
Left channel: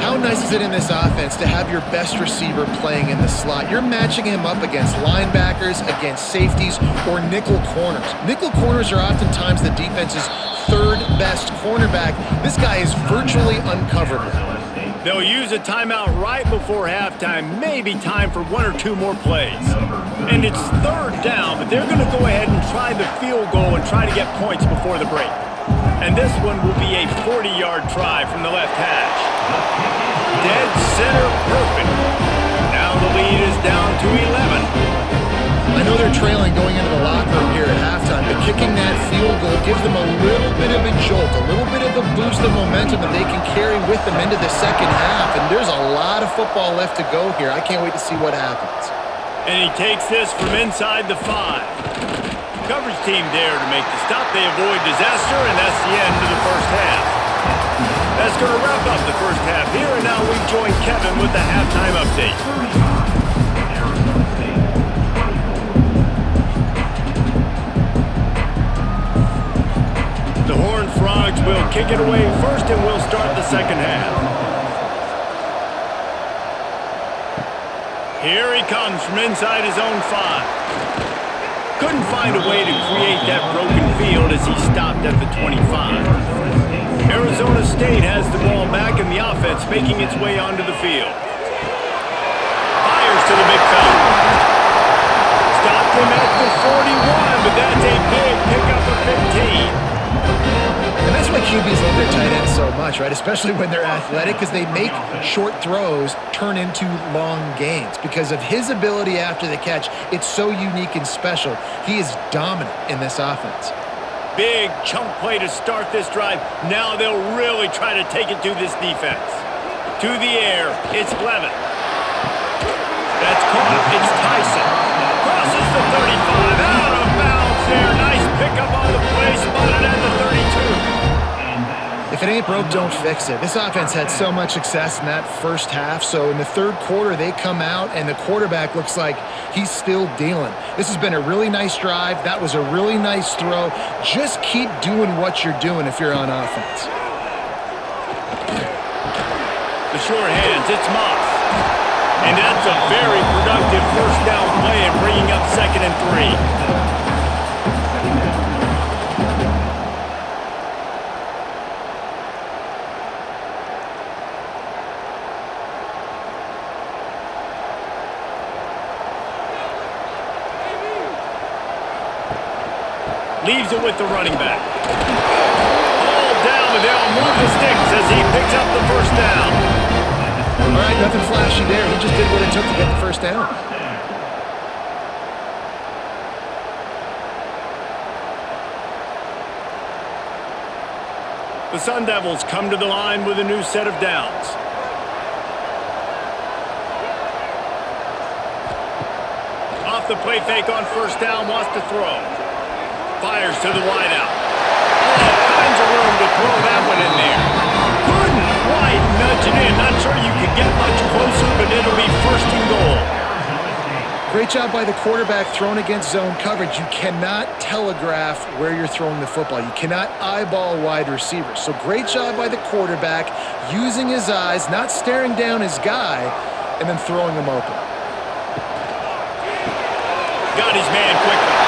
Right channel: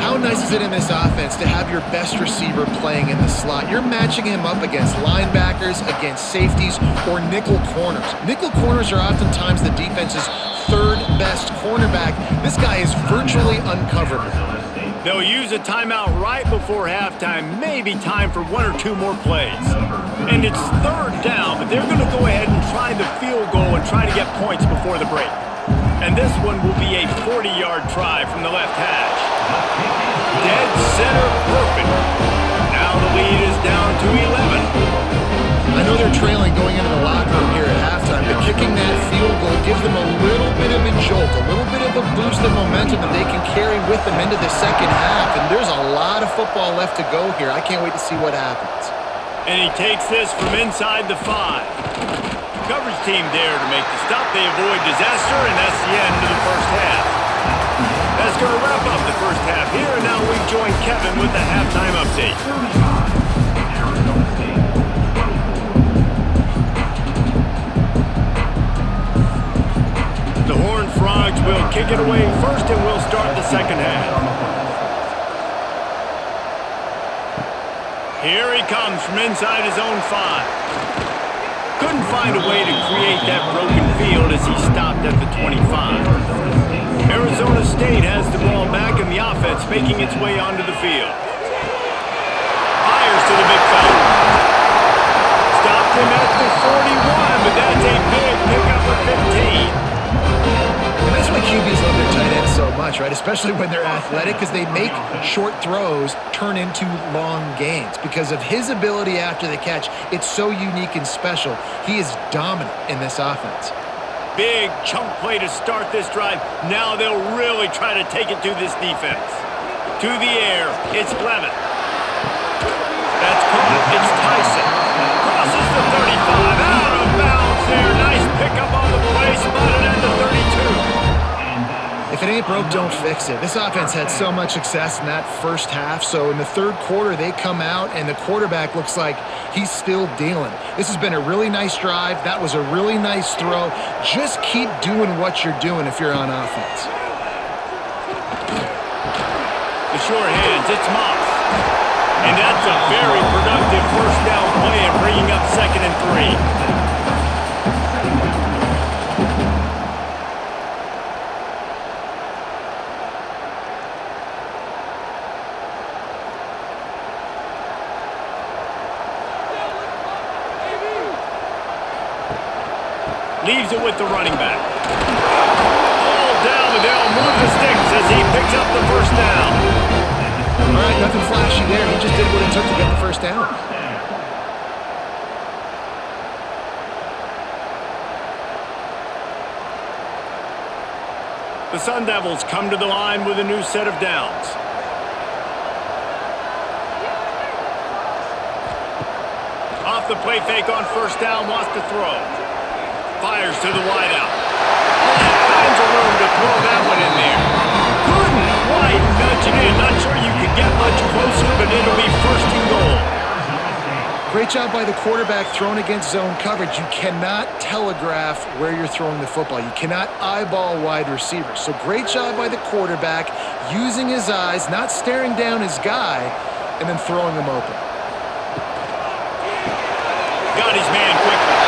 How nice is it in this offense to have your best receiver playing in the slot? You're matching him up against linebackers, against safeties, or nickel corners. Nickel corners are oftentimes the defense's 3rd best cornerback. This guy is virtually uncoverable. They'll use a timeout right before halftime, maybe time for 1 or 2 more plays. And it's 3rd down, but they're going to go ahead and try the field goal and try to get points before the break. And this one will be a 40-yard try from the left hash. Dead center perfect. Now the lead is down to 11. I know they're trailing going into the locker room here at halftime, but kicking that field goal gives them a little bit of a jolt, a little bit of a boost of momentum that they can carry with them into the 2nd half. And there's a lot of football left to go here. I can't wait to see what happens. And he takes this from inside the 5. Coverage team there to make the stop. They avoid disaster, and that's the end of the 1st half. That's going to wrap up the 1st half here, and now we join Kevin with the halftime update. 35, Arizona State, 24. The Horned Frogs will kick it away first, and we'll start the 2nd half. Here he comes from inside his own 5. Couldn't find a way to create that broken field as he stopped at the 25. Arizona State has the ball back and the offense making its way onto the field. Fires to the big fella. Stopped him at the 41, but that's a big pickup of 15. And that's why QBs love their tight ends so much, right? Especially when they're athletic, because they make short throws turn into long gains. Because of his ability after the catch, it's so unique and special. He is dominant in this offense. Big chunk play to start this drive. Now they'll really try to take it to this defense. To the air, it's Levitt. That's caught. It's Tyson. crosses the 35, out of bounds there. Nice pickup on the play, spotted at the 32. If it ain't broke, don't fix it. This offense had so much success in that first half, so in the third quarter, they come out, and the quarterback looks like he's still dealing. This has been a really nice drive. That was a really nice throw. Just keep doing what you're doing if you're on offense. The short hands, it's Moss. And that's a very productive first down play and bringing up 2nd and 3. Leaves it with the running back. All down, but they'll move the sticks as he picks up the first down. All right, nothing flashy there. He just did what it took to get the first down. The Sundevils come to the line with a new set of downs. Off the play fake on first down, wants to throw. Fires to the wideout. All kinds of room to throw that one in there. Couldn't quite nudge it in. Not sure you could get much closer, but it'll be 1st and goal. Great job by the quarterback throwing against zone coverage. You cannot telegraph where you're throwing the football. You cannot eyeball wide receivers. So great job by the quarterback using his eyes, not staring down his guy, and then throwing him open. Got his man quickly.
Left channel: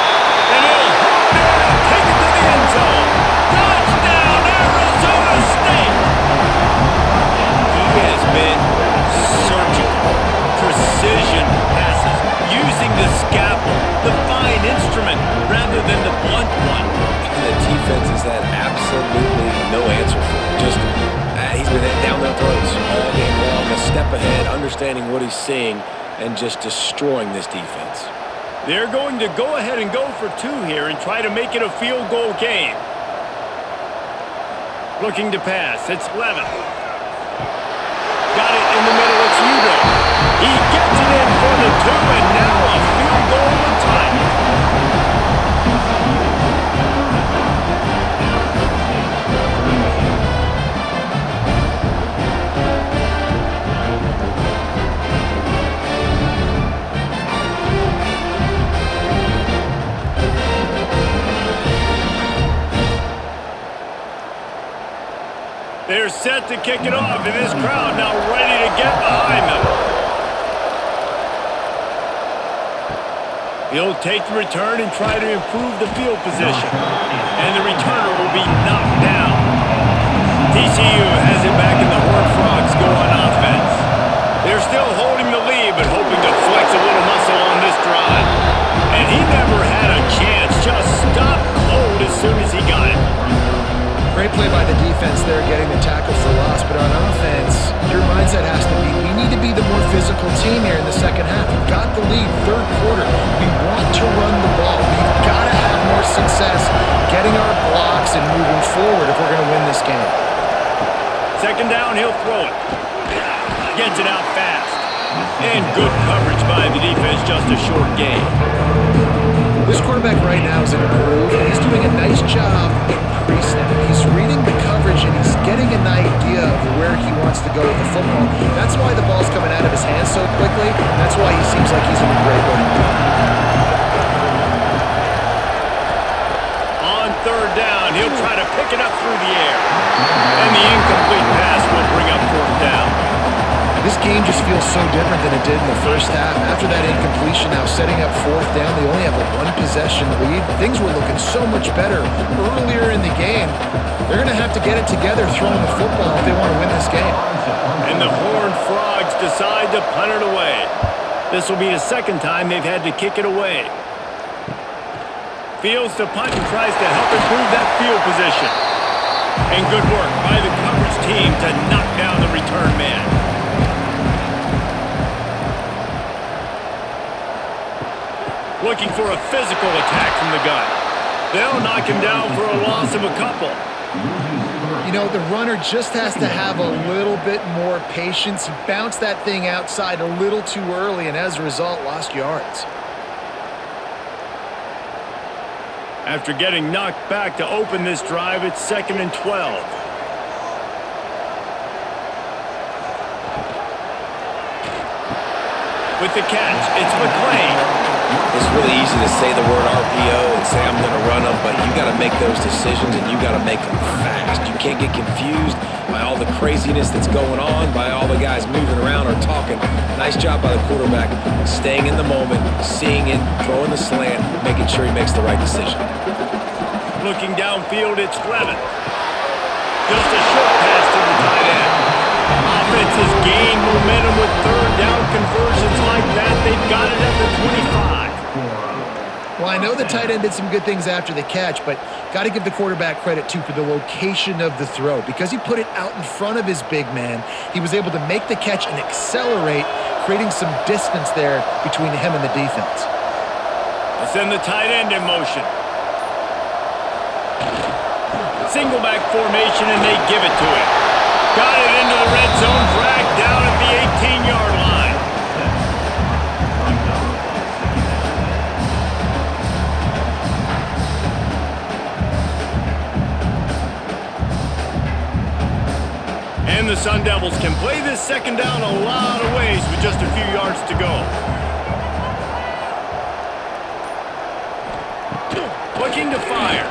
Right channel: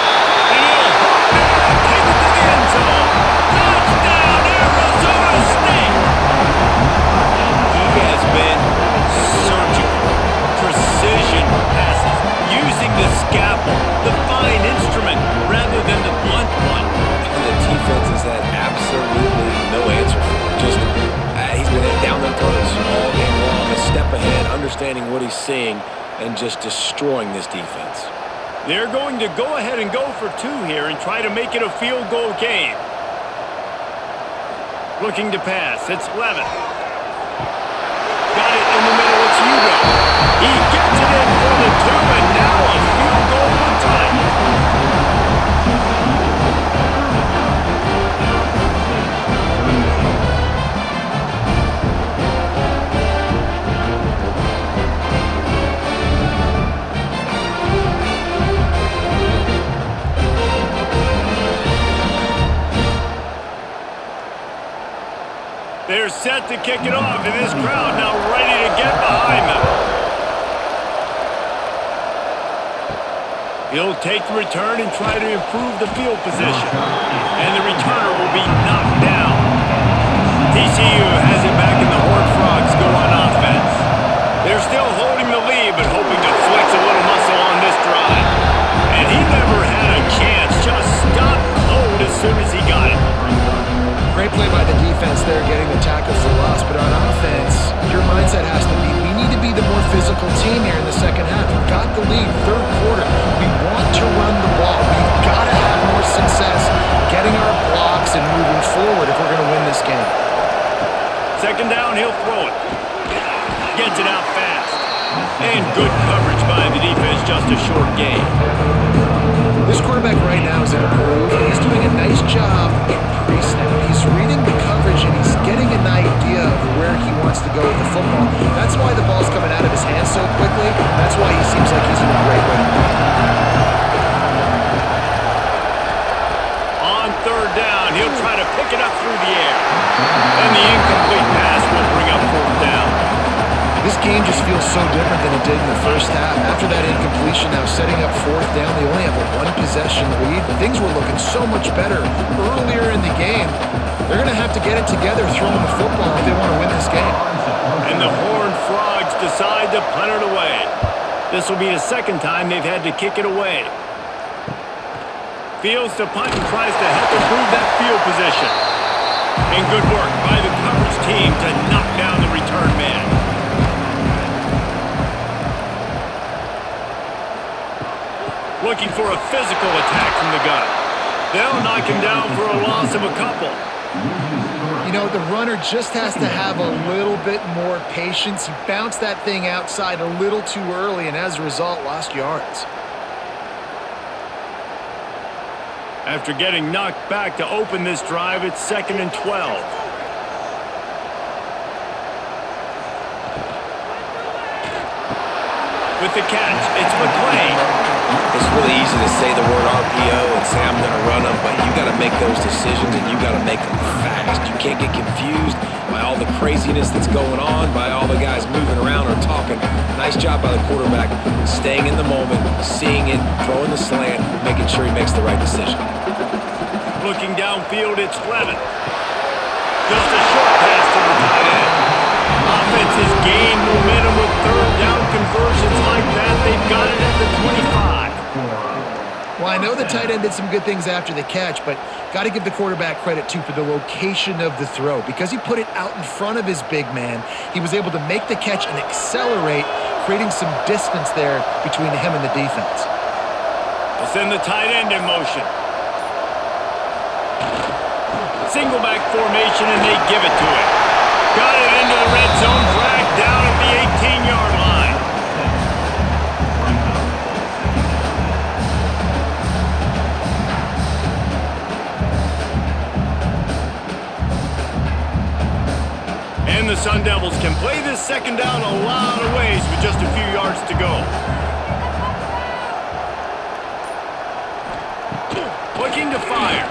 And he'll hold it and take it to the end zone. Touchdown, Arizona State! He has been surgical. Precision passes. Using the scalpel, the fine instrument, rather than the blunt one. And the defense has had absolutely no answer for him. Just, he's been down their throats all game long, a step ahead, understanding what he's seeing, and just destroying this defense. They're going to go ahead and go for 2 here and try to make it a field goal game. Looking to pass, it's Levin. Got it in the middle, it's Udo. He gets it in for the 2, and now a field goal would tie it. They're set to kick it off, and this crowd now ready to get behind them. He'll take the return and try to improve the field position. And the returner will be knocked down. TCU has it back, and the Horned Frogs go on offense. They're still holding the lead, but hoping to flex a little muscle on this drive. And he never had a chance, just stopped cold as soon as he got it. Great play by the defense there, getting the tackle for loss. But on offense, your mindset has to be, we need to be the more physical team here in the second half. We've got the lead, third quarter. We want to run the ball. We've got to have more success getting our blocks and moving forward if we're going to win this game. 2nd down, he'll throw it. Gets it out fast. And good coverage by the defense, just a short gain. This quarterback right now is in a groove, and he's doing a nice job in pre-snap. He's reading the coverage, and he's getting an idea of where he wants to go with the football. That's why the ball's coming out of his hands so quickly. That's why he seems like he's in a great rhythm. On 3rd down, he'll try to pick it up through the air. And the incomplete pass will bring up 4th down. This game just feels so different than it did in the first half. After that incompletion, now setting up 4th down, they only have a 1-possession lead. Things were looking so much better earlier in the game. They're going to have to get it together throwing the football if they want to win this game. And the Horned Frogs decide to punt it away. This will be the 2nd time they've had to kick it away. Fields to punt and tries to help improve that field position. And good work by the coverage team to knock down the return man. Looking for a physical attack from the gun. They'll knock him down for a loss of a couple. You know, the runner just has to have a little bit more patience. He bounced that thing outside a little too early, and as a result, lost yards. After getting knocked back to open this drive, it's 2nd and 12. With the catch, it's McClain. It's really easy to say the word RPO and say I'm going to run them, but you got to make those decisions and you got to make them fast. You can't get confused by all the craziness that's going on, by all the guys moving around or talking. Nice job by the quarterback, staying in the moment, seeing it, throwing the slant, making sure he makes the right decision. Looking downfield, it's Levin. Just a short pass to the tight end. Offense has gained momentum with third down conversions like that. They've got it at the 25. Well, I know the tight end did some good things after the catch, but got to give the quarterback credit, too, for the location of the throw. Because he put it out in front of his big man, he was able to make the catch and accelerate, creating some distance there between him and the defense. They'll send the tight end in motion. Single back formation, and they give it to him. Got it into the red zone, dragged down at the 18-yard line. And the Sundevils can play this second down a lot of ways with just a few yards to go. Looking to fire.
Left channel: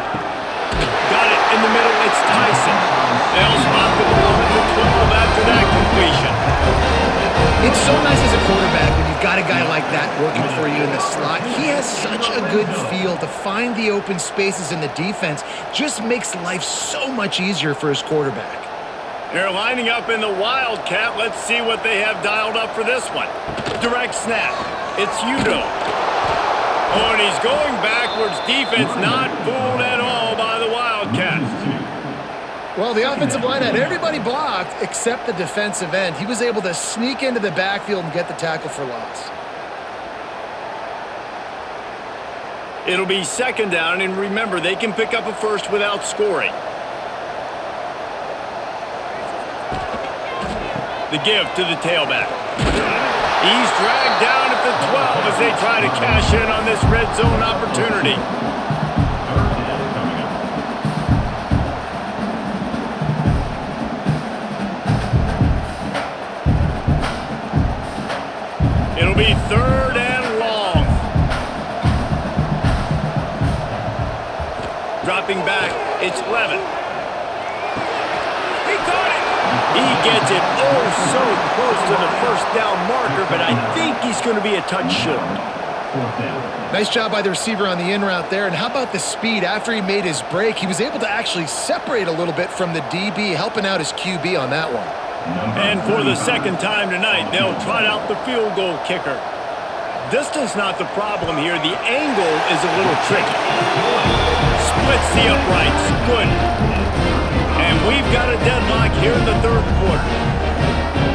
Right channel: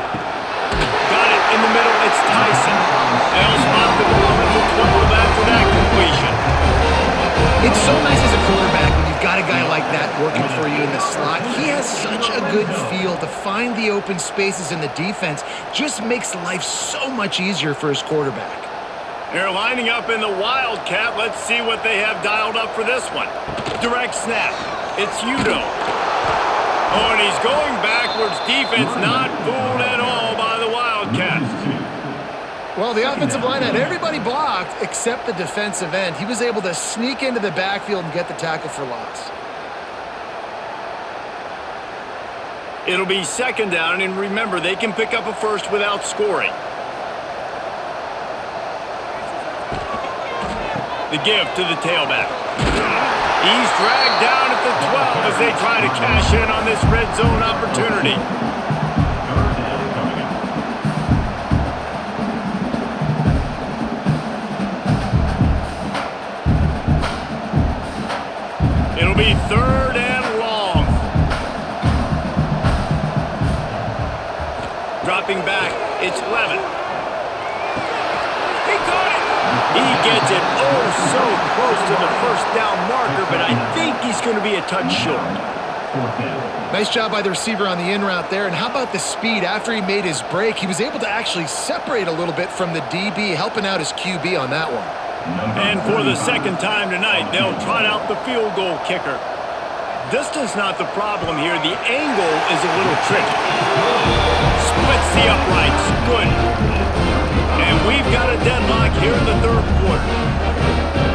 Got it in the middle, it's Tyson. They'll spot the ball at the 12 after that completion. It's so nice as a quarterback when you've got a guy like that working for you in the slot. He has such a good feel to find the open spaces in the defense. Just makes life so much easier for his quarterback. They're lining up in the Wildcat. Let's see what they have dialed up for this one. Direct snap. It's Udo. Oh, and he's going backwards. Defense not fooled at all by the Wildcats. Well, the offensive line had everybody blocked except the defensive end. He was able to sneak into the backfield and get the tackle for loss. It'll be second down, and remember, they can pick up a first without scoring. The give to the tailback. He's dragged down at the 12 as they try to cash in on this red zone opportunity. Third down coming up. It'll be third and long. Dropping back, it's Levin. He caught it. He gets it so close to the first down marker, but I think he's going to be a touch short. Fourth down. Nice job by the receiver on the in route there. And how about the speed? After he made his break, he was able to actually separate a little bit from the DB, helping out his QB on that one. And for the second time tonight, they'll trot out the field goal kicker. Distance not the problem here. The angle is a little tricky. Splits the uprights. Good. And we've got a deadlock here in the third quarter.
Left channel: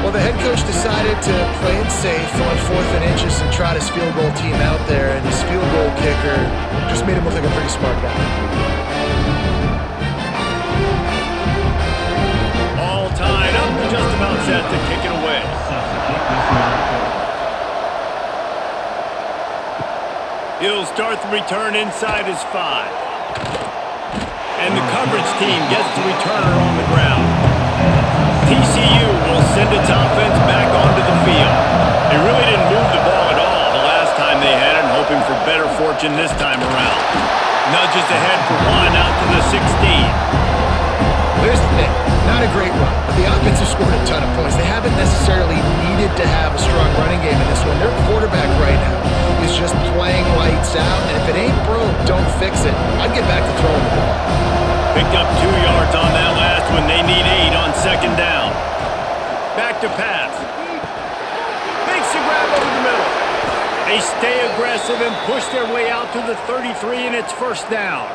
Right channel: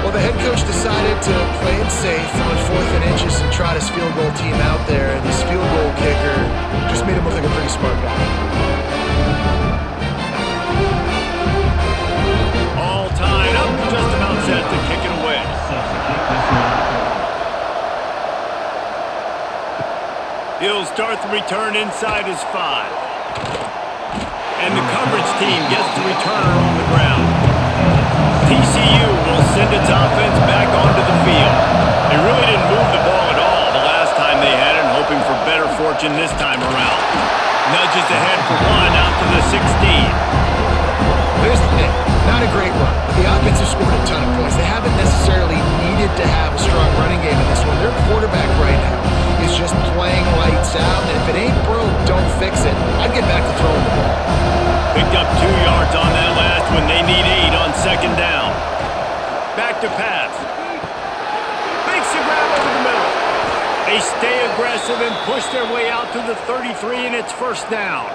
Well, the head coach decided to play it safe on 4th and inches and trot his field goal team out there, and his field goal kicker just made him look like a pretty smart guy. All tied up, just about set to kick it away. He'll start the return inside his 5. And the coverage team gets the returner on the ground. TCU will send its offense back onto the field. They really didn't move the ball at all the last time they had it, hoping for better fortune this time around. Nudges ahead for 1 out to the 16. Here's the thing. Not a great run, but the offense has scored a ton of points. They haven't necessarily needed to have a strong running game in this one. Their quarterback right now is just playing lights out, and if it ain't broke, don't fix it. I'd get back to throwing the ball. Picked up 2 yards on that last one. They need 8 on second down. Back to pass. Makes the grab over the middle. They stay aggressive and push their way out to the 33, and it's first down.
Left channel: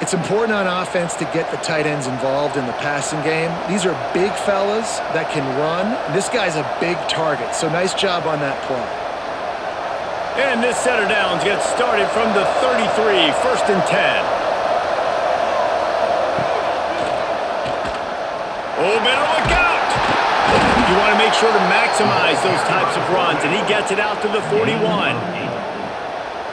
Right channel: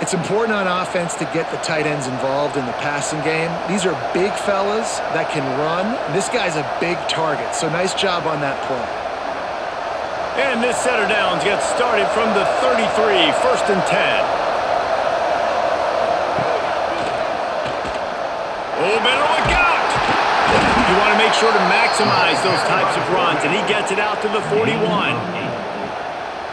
It's important on offense to get the tight ends involved in the passing game. These are big fellas that can run. This guy's a big target, so nice job on that play. And this set of downs gets started from the 33, 1st and 10. Oh, better look out! You want to make sure to maximize those types of runs, and he gets it out to the 41.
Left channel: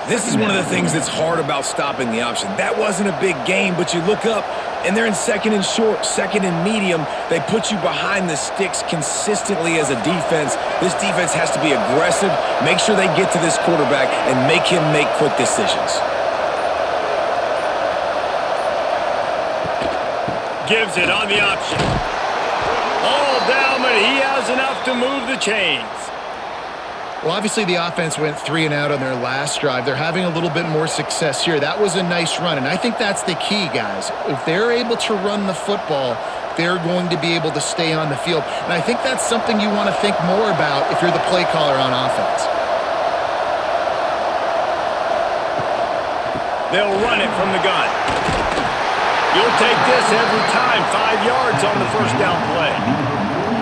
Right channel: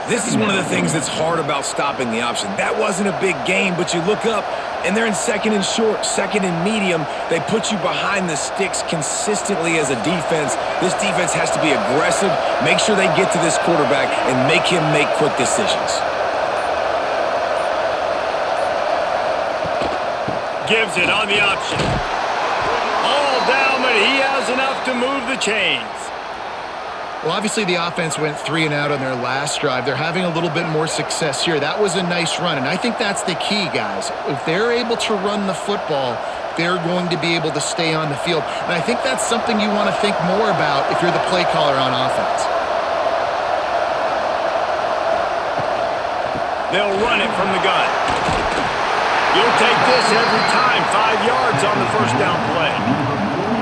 This is one of the things that's hard about stopping the option. That wasn't a big gain, but you look up, and they're in second and short, second and medium. They put you behind the sticks consistently as a defense. This defense has to be aggressive, make sure they get to this quarterback, and make him make quick decisions. Gives it on the option. All down, but he has enough to move the chains. Well, obviously the offense went 3 and out on their last drive. They're having a little bit more success here. That was a nice run, and I think that's the key, guys. If they're able to run the football, they're going to be able to stay on the field. And I think that's something you want to think more about if you're the play caller on offense. They'll run it from the gun. You'll take this every time. 5 yards on the first down play.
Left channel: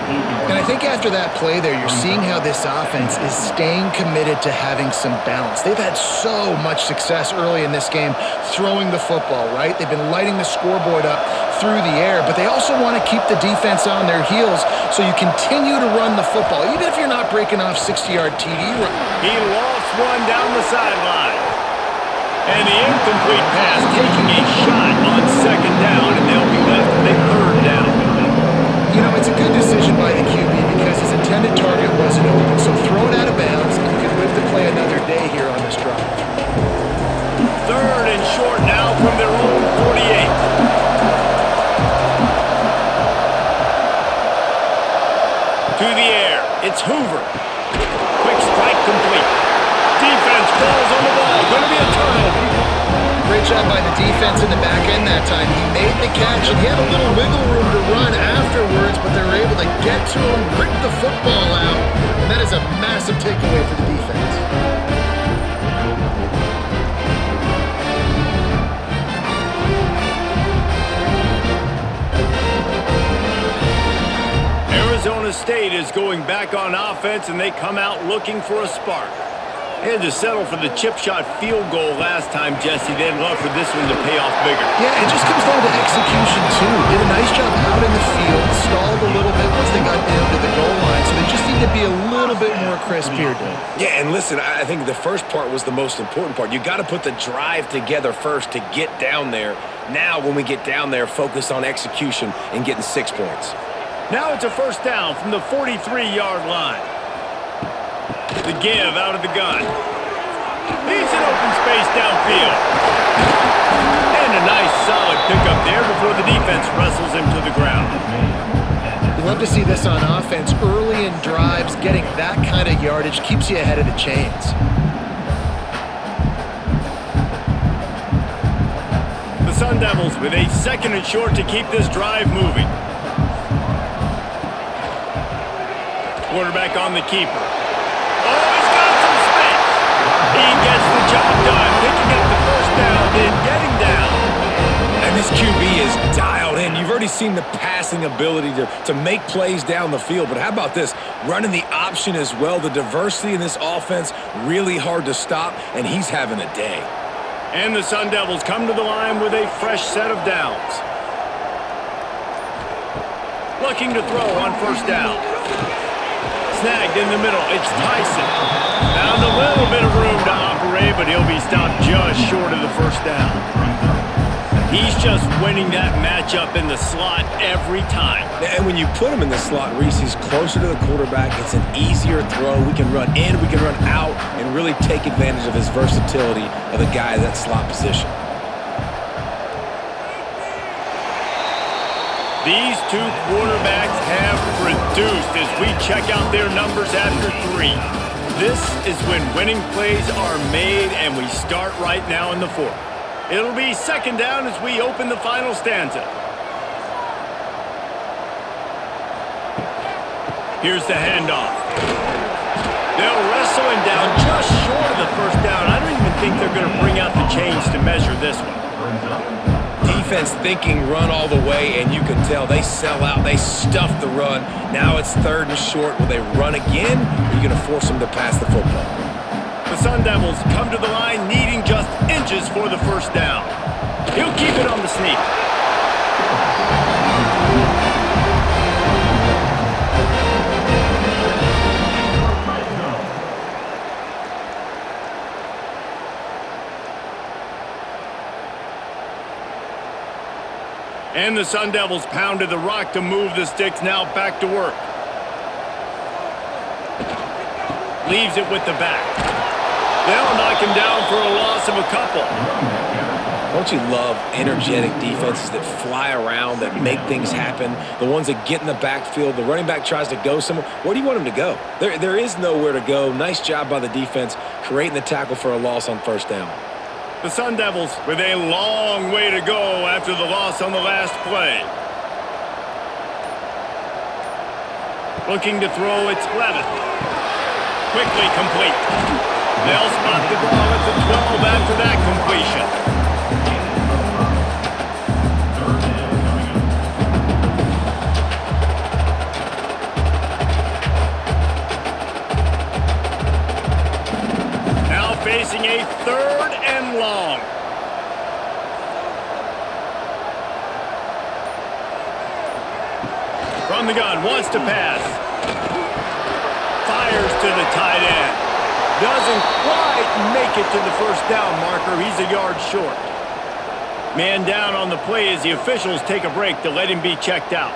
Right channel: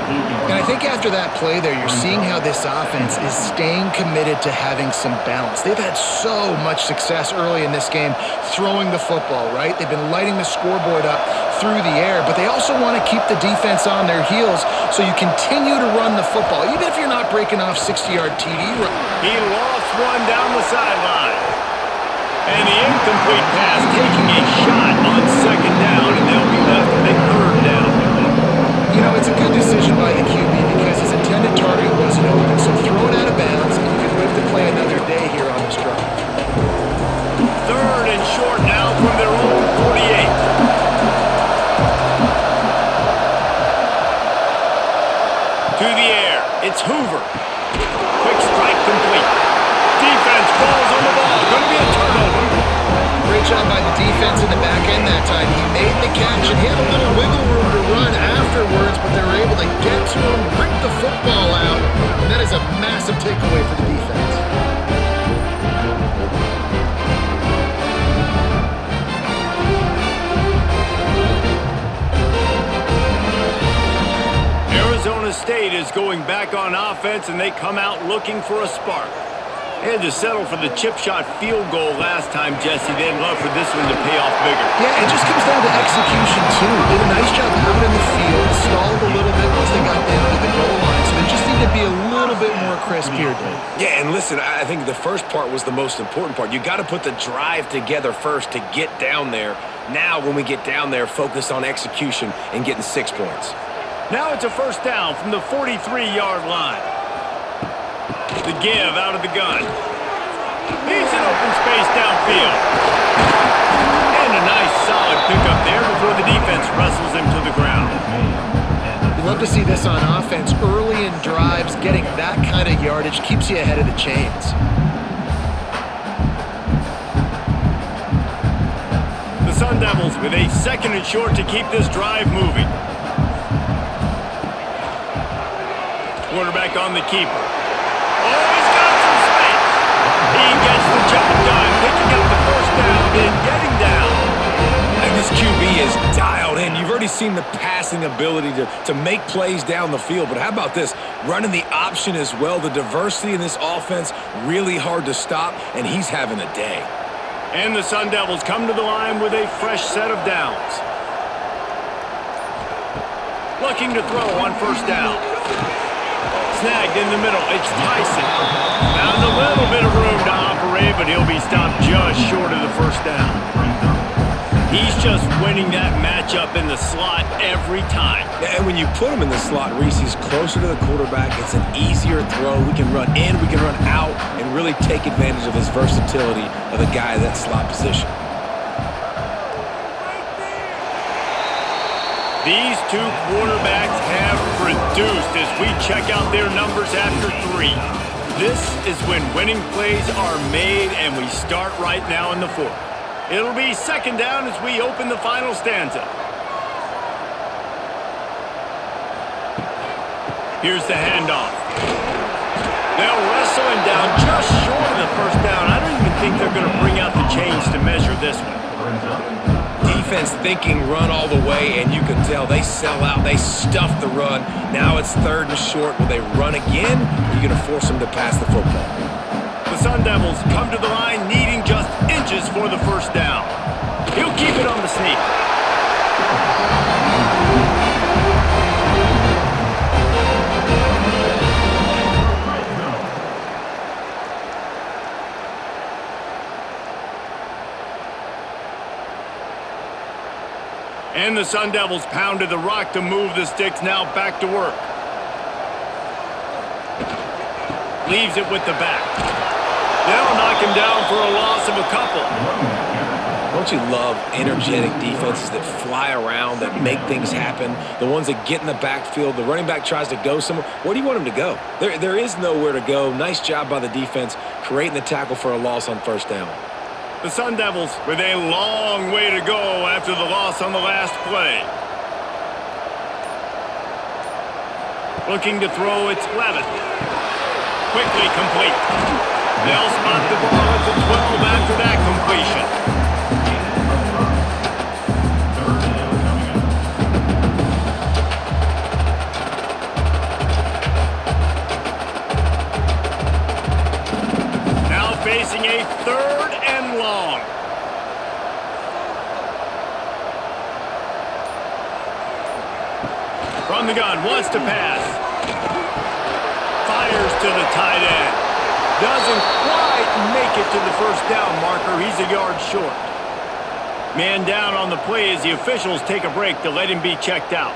And I think after that play there, you're seeing how this offense is staying committed to having some balance. They've had so much success early in this game throwing the football, right? They've been lighting the scoreboard up through the air, but they also want to keep the defense on their heels so you continue to run the football, even if you're not breaking off 60-yard TD. He lofts one down the sideline. And the incomplete pass taking a shot on second down, and they'll be left with a third down. You know, it's a good decision by the QB because his intended target wasn't open. So throw it out of bounds, and you can live to play another day here on this drive. Third and short now from their own 48. To the air, it's Hoover. Quick strike complete. Defense falls on the ball. Going to be a turnover. Great job by the defense in the back end that time. He made the catch, and he had a little wiggle room to run afterwards, but they were able to get to him, rip the football out, and that is a massive takeaway for the defense. Arizona State is going back on offense, and they come out looking for a spark. They had to settle for the chip shot field goal last time, Jesse. They'd love for this one to pay off bigger. Yeah, it just comes down to execution, too. Did a nice job out in the field, stalled a little bit once they got down to the goal line, so they just need to be a little bit more crisp here, Dave. Yeah, and listen, I think the first part was the most important part. You got to put the drive together first to get down there. Now, when we get down there, focus on execution and getting 6 points. Now it's a first down from the 43-yard line. The give out of the gun. He's in open space downfield. And a nice solid pickup there before the defense wrestles him to the ground. You love to see this on offense. Early in drives, getting that kind of yardage keeps you ahead of the chains. The Sundevils with a second and short to keep this drive moving. Quarterback on the keeper. Oh, he's got some space. He gets the job done, picking up the first down and getting down. And this QB is dialed in. You've already seen the passing ability to make plays down the field. But how about this? Running the option as well. The diversity in this offense, really hard to stop, and he's having a day. And the Sundevils come to the line with a fresh set of downs. Looking to throw on first down. Snagged in the middle, it's Tyson. Found a little bit of room to operate, but he'll be stopped just short of the first down. He's just winning that matchup in the slot every time. And when you put him in the slot, Reese, he's closer to the quarterback. It's an easier throw. We can run in, we can run out, and really take advantage of his versatility of the guy in that slot position. These two quarterbacks have produced as we check out their numbers after 3. This is when winning plays are made, and we start right now in the 4th. It'll be second down as we open the final stanza. Here's the handoff. They'll wrestle him down just short of the first down. I don't even think they're going to bring out the chains to measure this one. Defense thinking run all the way, and you can tell they sell out. They stuff the run. Now it's third and short. Will they run again, or are you going to force them to pass the football? The Sundevils come to the line needing just inches for the first down. He'll keep it on the sneak. And the Sundevils pounded the rock to move the sticks, now back to work. Leaves it with the back. They'll knock him down for a loss of a couple. Don't you love energetic defenses that fly around, that make things happen? The ones that get in the backfield, the running back tries to go somewhere. Where do you want him to go? There is nowhere to go. Nice job by the defense creating the tackle for a loss on first down. The Sundevils with a long way to go after the loss on the last play. Looking to throw, it's Levin. Quickly complete. They'll spot the ball at the 12 after that completion. Third down coming up. Now facing a 3rd and long. From the gun, wants to pass. Fires to the tight end. Doesn't quite make it to the first down marker. He's a yard short. Man down on the play as the officials take a break to let him be checked out.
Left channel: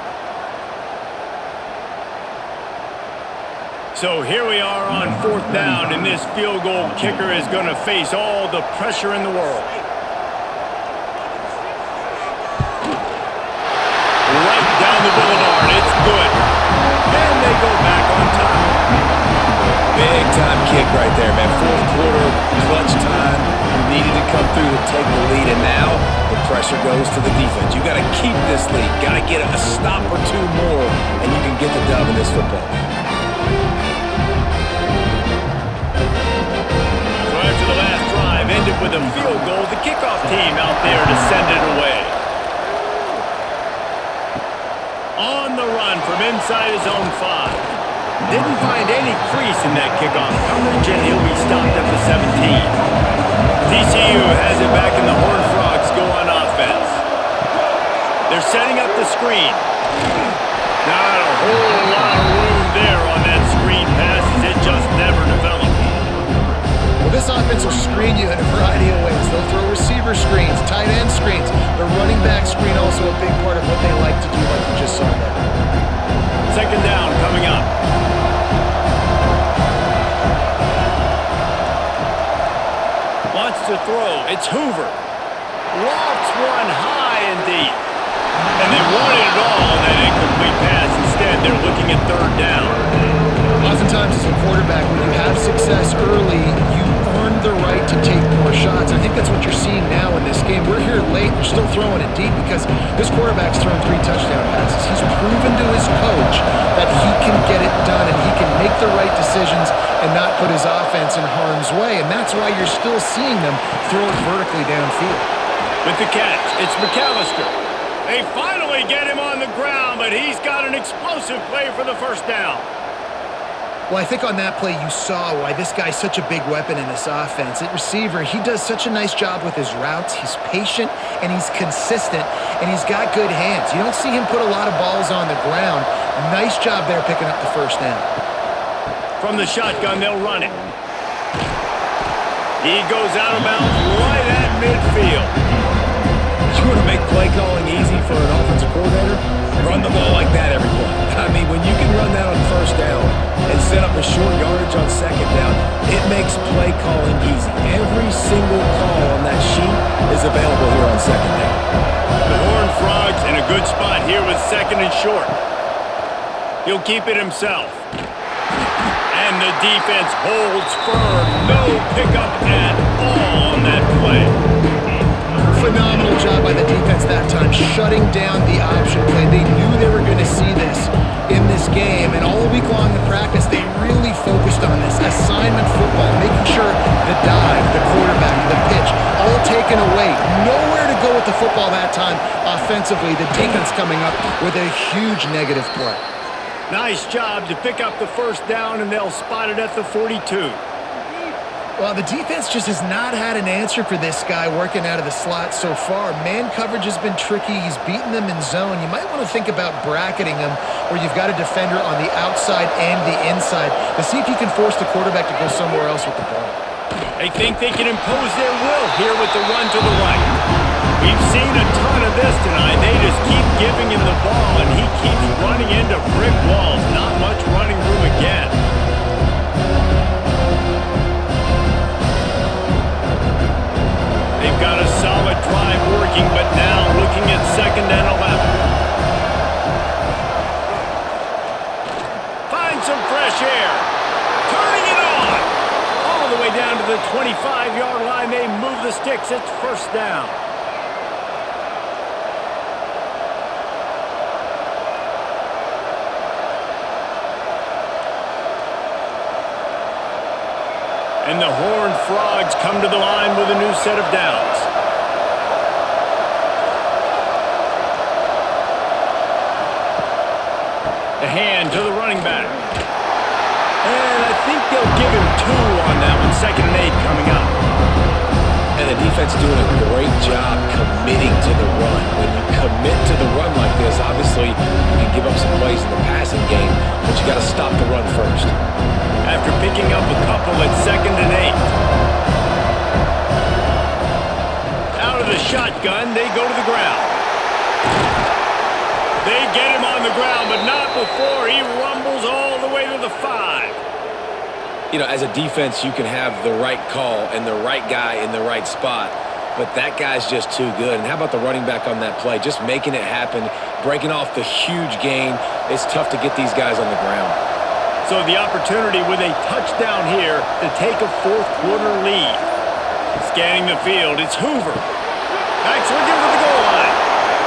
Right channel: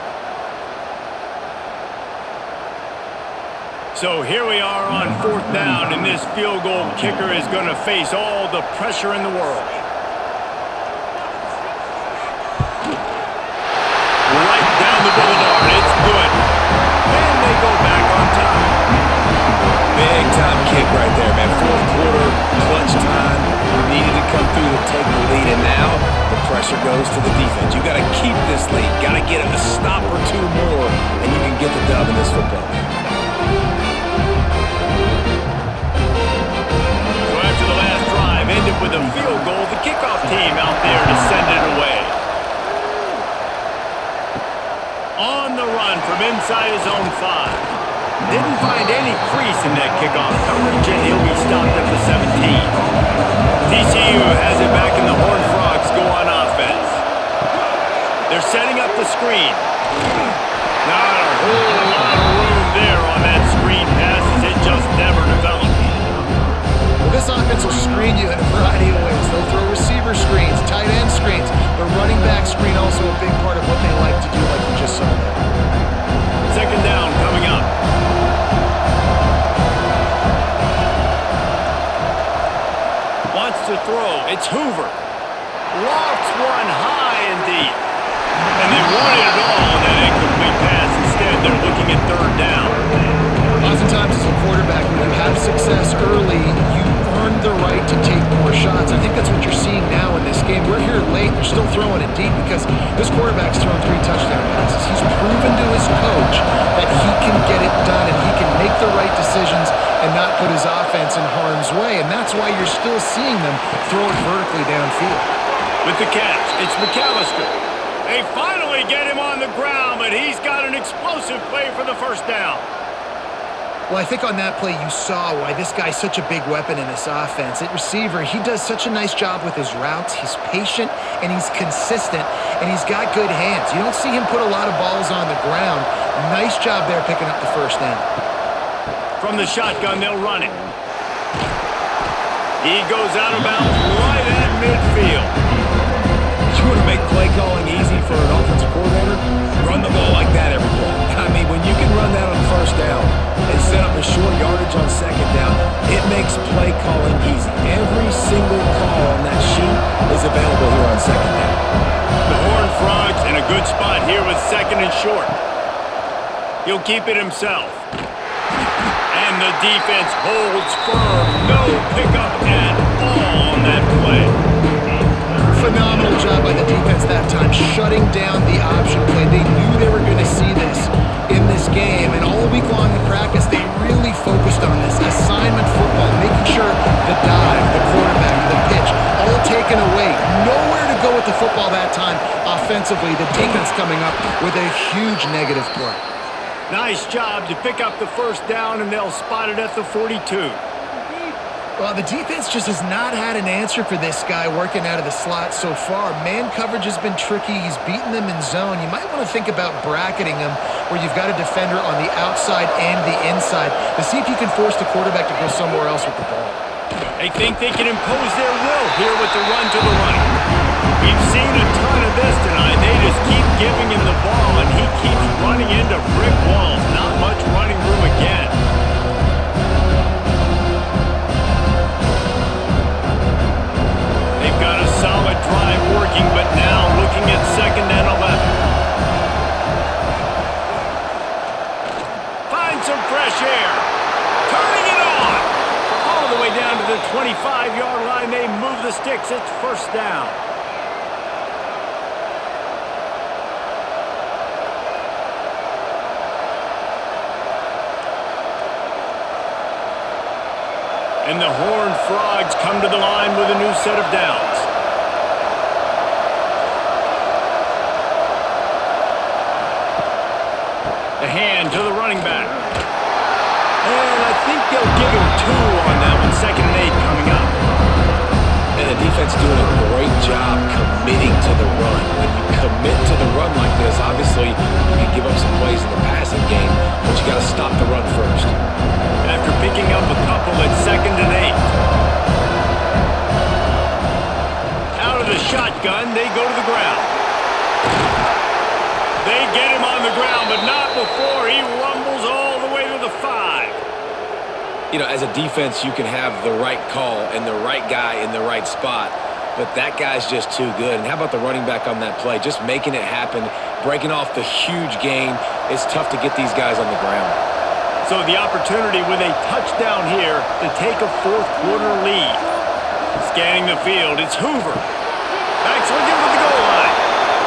So here we are on 4th down, and this field goal kicker is going to face all the pressure in the world. Right down the boulevard. It's good. And they go back on top. Big time kick right there, man. 4th quarter, clutch time. You needed to come through to take the lead, and now the pressure goes to the defense. You got to keep this lead. Got to get a stop or two more, and you can get the dub in this football game. So after the last drive ended with a field goal, the kickoff team out there to send it away. On the run from inside his own 5. Didn't find any crease in that kickoff coverage, and he'll be stopped at the 17. TCU has it back, and the Horned Frogs go on offense. They're setting up the screen. Not a whole lot of room there on that screen pass, as it just never developed. Well, this offense will screen you in a variety of ways. They'll throw receiver screens, tight end screens. The running back screen also a big part of what they like to do, like you just saw there. 2nd down coming up. Wants to throw. It's Hoover. Lofts one high and deep. And they wanted it all on that incomplete pass. Instead, they're looking at 3rd down. Oftentimes as a quarterback, when you have success early, you earn the right to take more shots. I think that's what you're seeing now in this game. We're here late. They're still throwing it deep because this quarterback's thrown 3 touchdown passes. He's proven to his coach that he can get it done and he can make the right decisions and not put his offense in harm's way. And that's why you're still seeing them throw it vertically downfield. With the catch, it's McAllister. They finally get him on the ground, but he's got an explosive play for the 1st down. Well, I think on that play you saw why this guy's such a big weapon in this offense. At receiver, he does such a nice job with his routes. He's patient, and he's consistent, and he's got good hands. You don't see him put a lot of balls on the ground. Nice job there picking up the 1st down. From the shotgun, they'll run it. He goes out of bounds right at midfield. You want to make play calling easy for an offensive coordinator? Run the ball like that every play. I mean, when you can run that on 1st down and set up a short yardage on 2nd down, it makes play calling easy. Every single call on that sheet is available here on 2nd down. The Horned Frogs in a good spot here with 2nd and short. He'll keep it himself. And the defense holds firm. No pickup at all on that play. Phenomenal job by the defense that time, shutting down the option play. They knew they were going to see this in this game, and all week long in practice, they really focused on this assignment football, making sure the dive, the quarterback, the pitch, all taken away. Nowhere to go with the football that time offensively. The defense coming up with a huge negative play. Nice job to pick up the 1st down, and they'll spot it at the 42. Well, the defense just has not had an answer for this guy working out of the slot so far. Man coverage has been tricky. He's beaten them in zone. You might want to think about bracketing him where you've got a defender on the outside and the inside to see if you can force the quarterback to go somewhere else with the ball. They think they can impose their will here with the run to the right. We've seen a ton of this tonight. They just keep giving him the ball, and he keeps running into brick walls. Not much running room again. They've got a solid drive working, but now looking at 2nd and 11. Find some fresh air. Turning it on. All the way down to the 25-yard line. They move the sticks. It's 1st down. And the Horned Frogs come to the line with a new set of downs. The hand to the running back. And I think they'll give him 2 on that one. 2nd and 8 coming up. And the defense doing a great job committing to the run. When you commit to the run like this, obviously you can give up some plays in the passing game, but you got to stop the run first. After picking up a couple at 2nd and 8. Out of the shotgun, they go to the ground. They get him on the ground, but not before he rumbles all the way to the 5. You know, as a defense, you can have the right call and the right guy in the right spot, but that guy's just too good. And how about the running back on that play? Just making it happen, breaking off the huge gain. It's tough to get these guys on the ground. So the opportunity with a touchdown here to take a 4th quarter lead. Scanning the field, it's Hoover. Back looking for the goal line.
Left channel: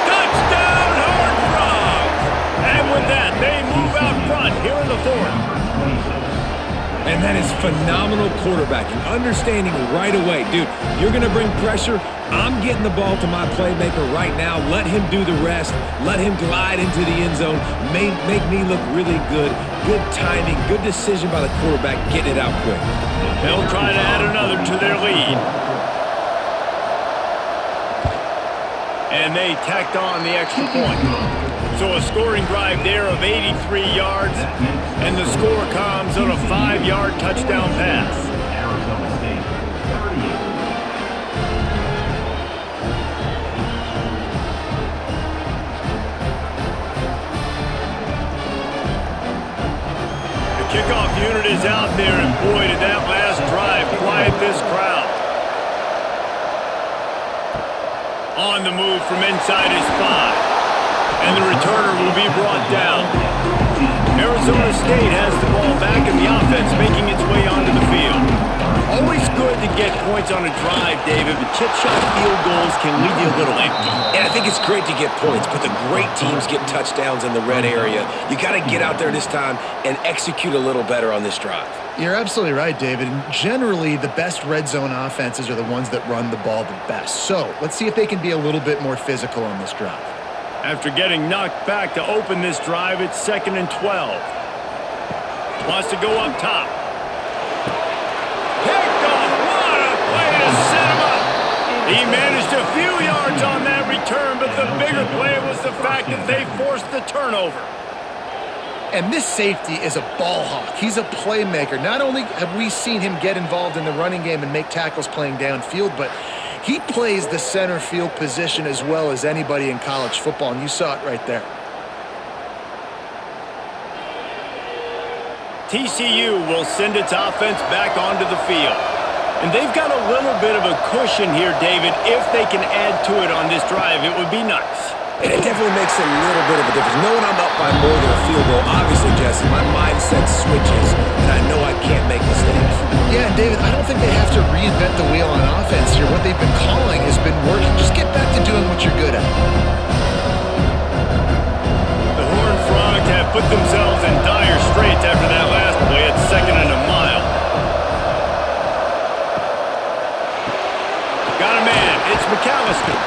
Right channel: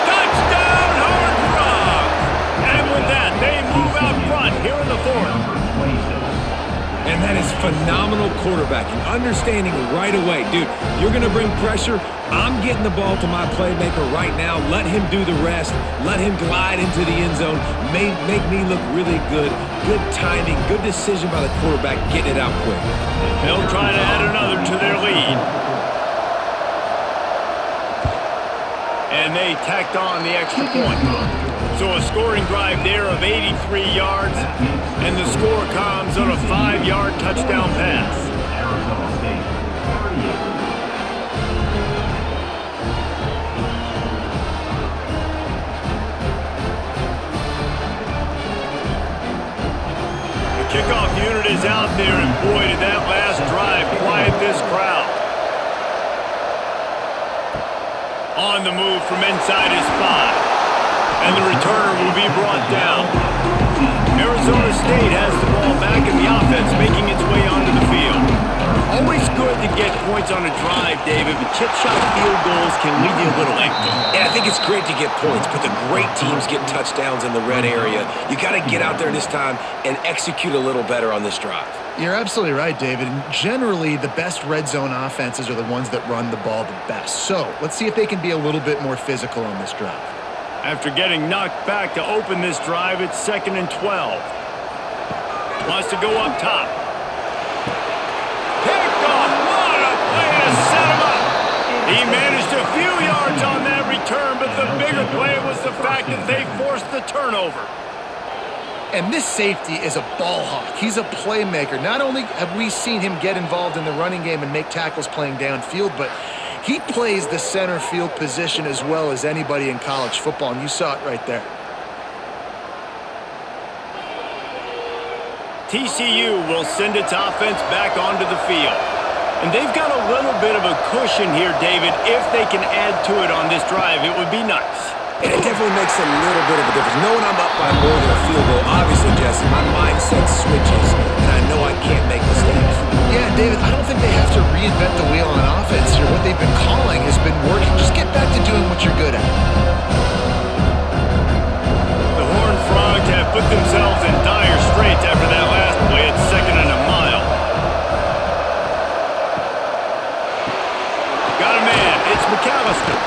Touchdown, Horned Frogs! And with that, they move out front here in the 4th. And that is phenomenal quarterbacking, understanding right away. Dude, you're going to bring pressure. I'm getting the ball to my playmaker right now. Let him do the rest. Let him glide into the end zone. Make me look really good. Good timing, good decision by the quarterback, getting it out quick. They'll try to add another to their lead. And they tacked on the extra point. So a scoring drive there of 83 yards, and the score comes on a 5-yard touchdown pass. Arizona State, 38. The kickoff unit is out there, and boy, did that last drive quiet this crowd. On the move from inside his 5. And the returner will be brought down. Arizona State has the ball back in the offense, making its way onto the field. Always good to get points on a drive, David, but chip shot field goals can leave you a little empty. And I think it's great to get points, but the great teams get touchdowns in the red area. You got to get out there this time and execute a little better on this drive. You're absolutely right, David. And generally, the best red zone offenses are the ones that run the ball the best. So let's see if they can be a little bit more physical on this drive. After getting knocked back to open this drive, it's 2nd and 12. Wants to go up top. Picked off. What a play to set him up. He managed a few yards on that return, but the bigger play was the fact that they forced the turnover. And this safety is a ball hawk. He's a playmaker. Not only have we seen him get involved in the running game and make tackles playing downfield, but he plays the center field position as well as anybody in college football, and you saw it right there. TCU will send its offense back onto the field. And they've got a little bit of a cushion here, David. If they can add to it on this drive, it would be nice. And it definitely makes a little bit of a difference. Knowing I'm up by more than a field goal, obviously, Jesse, my mindset switches, and I know I can't make mistakes. Yeah, and David, I don't think they have to reinvent the wheel on offense here. What they've been calling has been working. Just get back to doing what you're good at. The Horned Frogs have put themselves in dire straits after that last play at 2nd and a mile. Got a man. It's McAllister.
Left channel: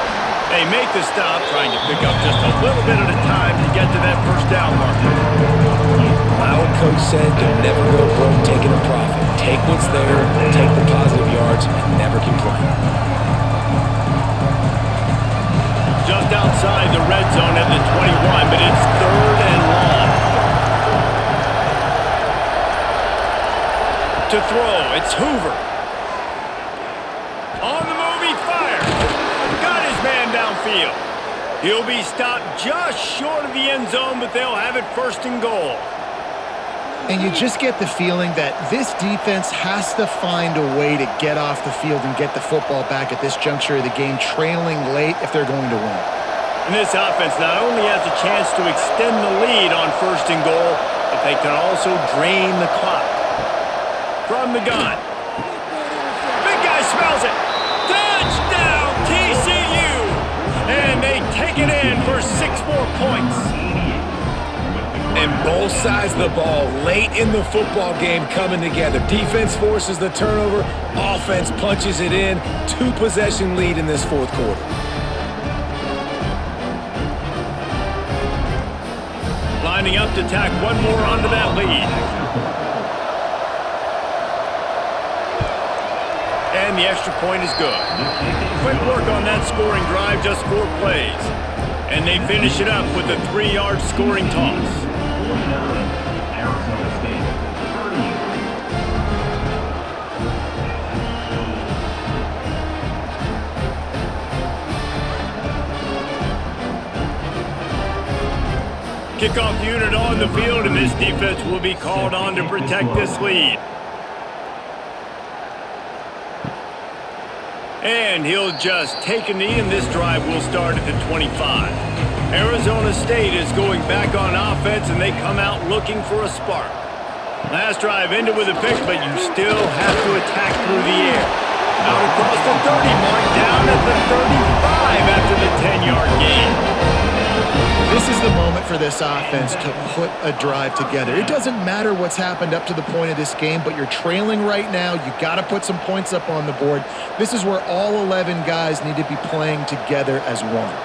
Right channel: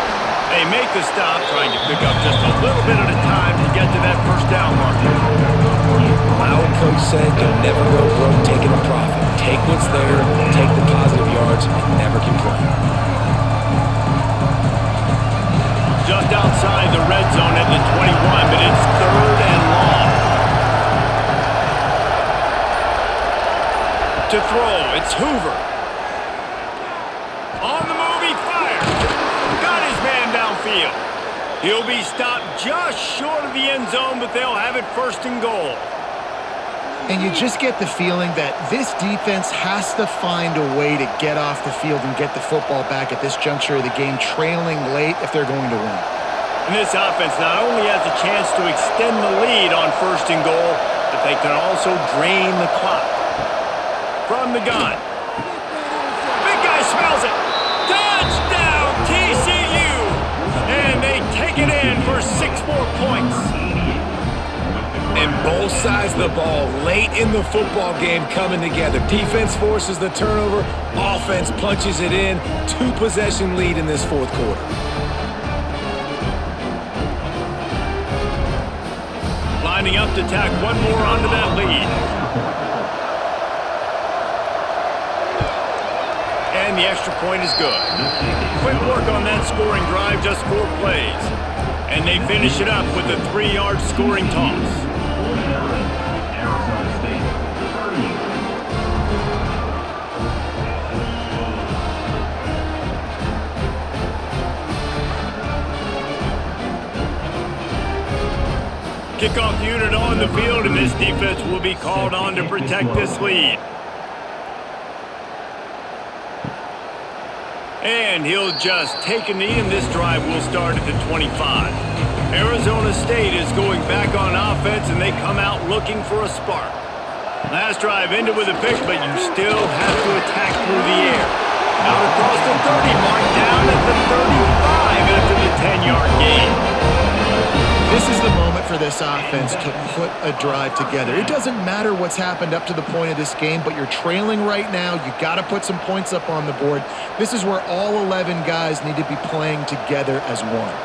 They make the stop, trying to pick up just a little bit at a time to get to that 1st down marker. My old coach said to never go broke taking a profit. Take what's there, take the positive yards, and never complain. Just outside the red zone at the 21, but it's 3rd and long. To throw, it's Hoover. On the move, he fires. Got his man downfield. He'll be stopped just short of the end zone, but they'll have it first and goal. And you just get the feeling that this defense has to find a way to get off the field and get the football back at this juncture of the game, trailing late if they're going to win. And this offense not only has a chance to extend the lead on first and goal, but they can also drain the clock. From the gun. Big guy smells it. Touchdown, TCU! And they take it in for 6 more points. And both sides of the ball late in the football game coming together. Defense forces the turnover. Offense punches it in. 2-possession lead in this fourth quarter. Lining up to tack one more onto that lead. And the extra point is good. Quick work on that scoring drive, just 4 plays. And they finish it up with a 3-yard scoring toss. 49, Arizona State, 30. Kickoff unit on the field, and this defense will be called on to protect this lead. And he'll just take a knee, and this drive will start at the 25. Arizona State is going back on offense, and they come out looking for a spark. Last drive ended with a pick, but you still have to attack through the air. Out across the 30 mark, down at the 35 after the 10-yard gain. This is the moment for this offense to put a drive together. It doesn't matter what's happened up to the point of this game, but you're trailing right now. You got to put some points up on the board. This is where all 11 guys need to be playing together as one.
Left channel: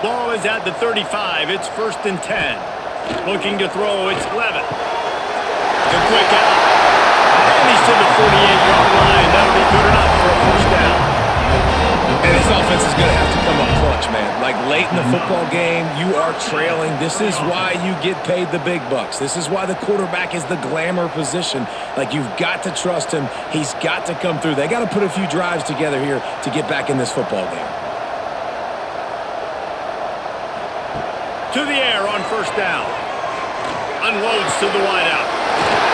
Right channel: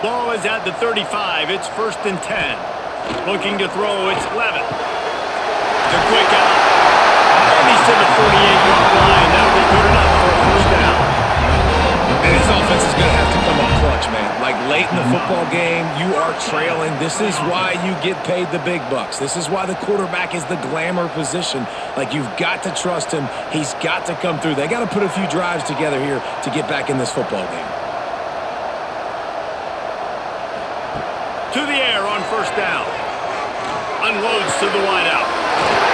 Ball is at the 35. It's 1st and 10. Looking to throw, it's Levitt. The quick out. And he's to the 48-yard line. That'll be good enough for a first down. And this offense is going to have to come up clutch, man. Like late in the football game, you are trailing. This is why you get paid the big bucks. This is why the quarterback is the glamour position. Like, you've got to trust him. He's got to come through. They got to put a few drives together here to get back in this football game. To the air on first down. Unloads to the wideout.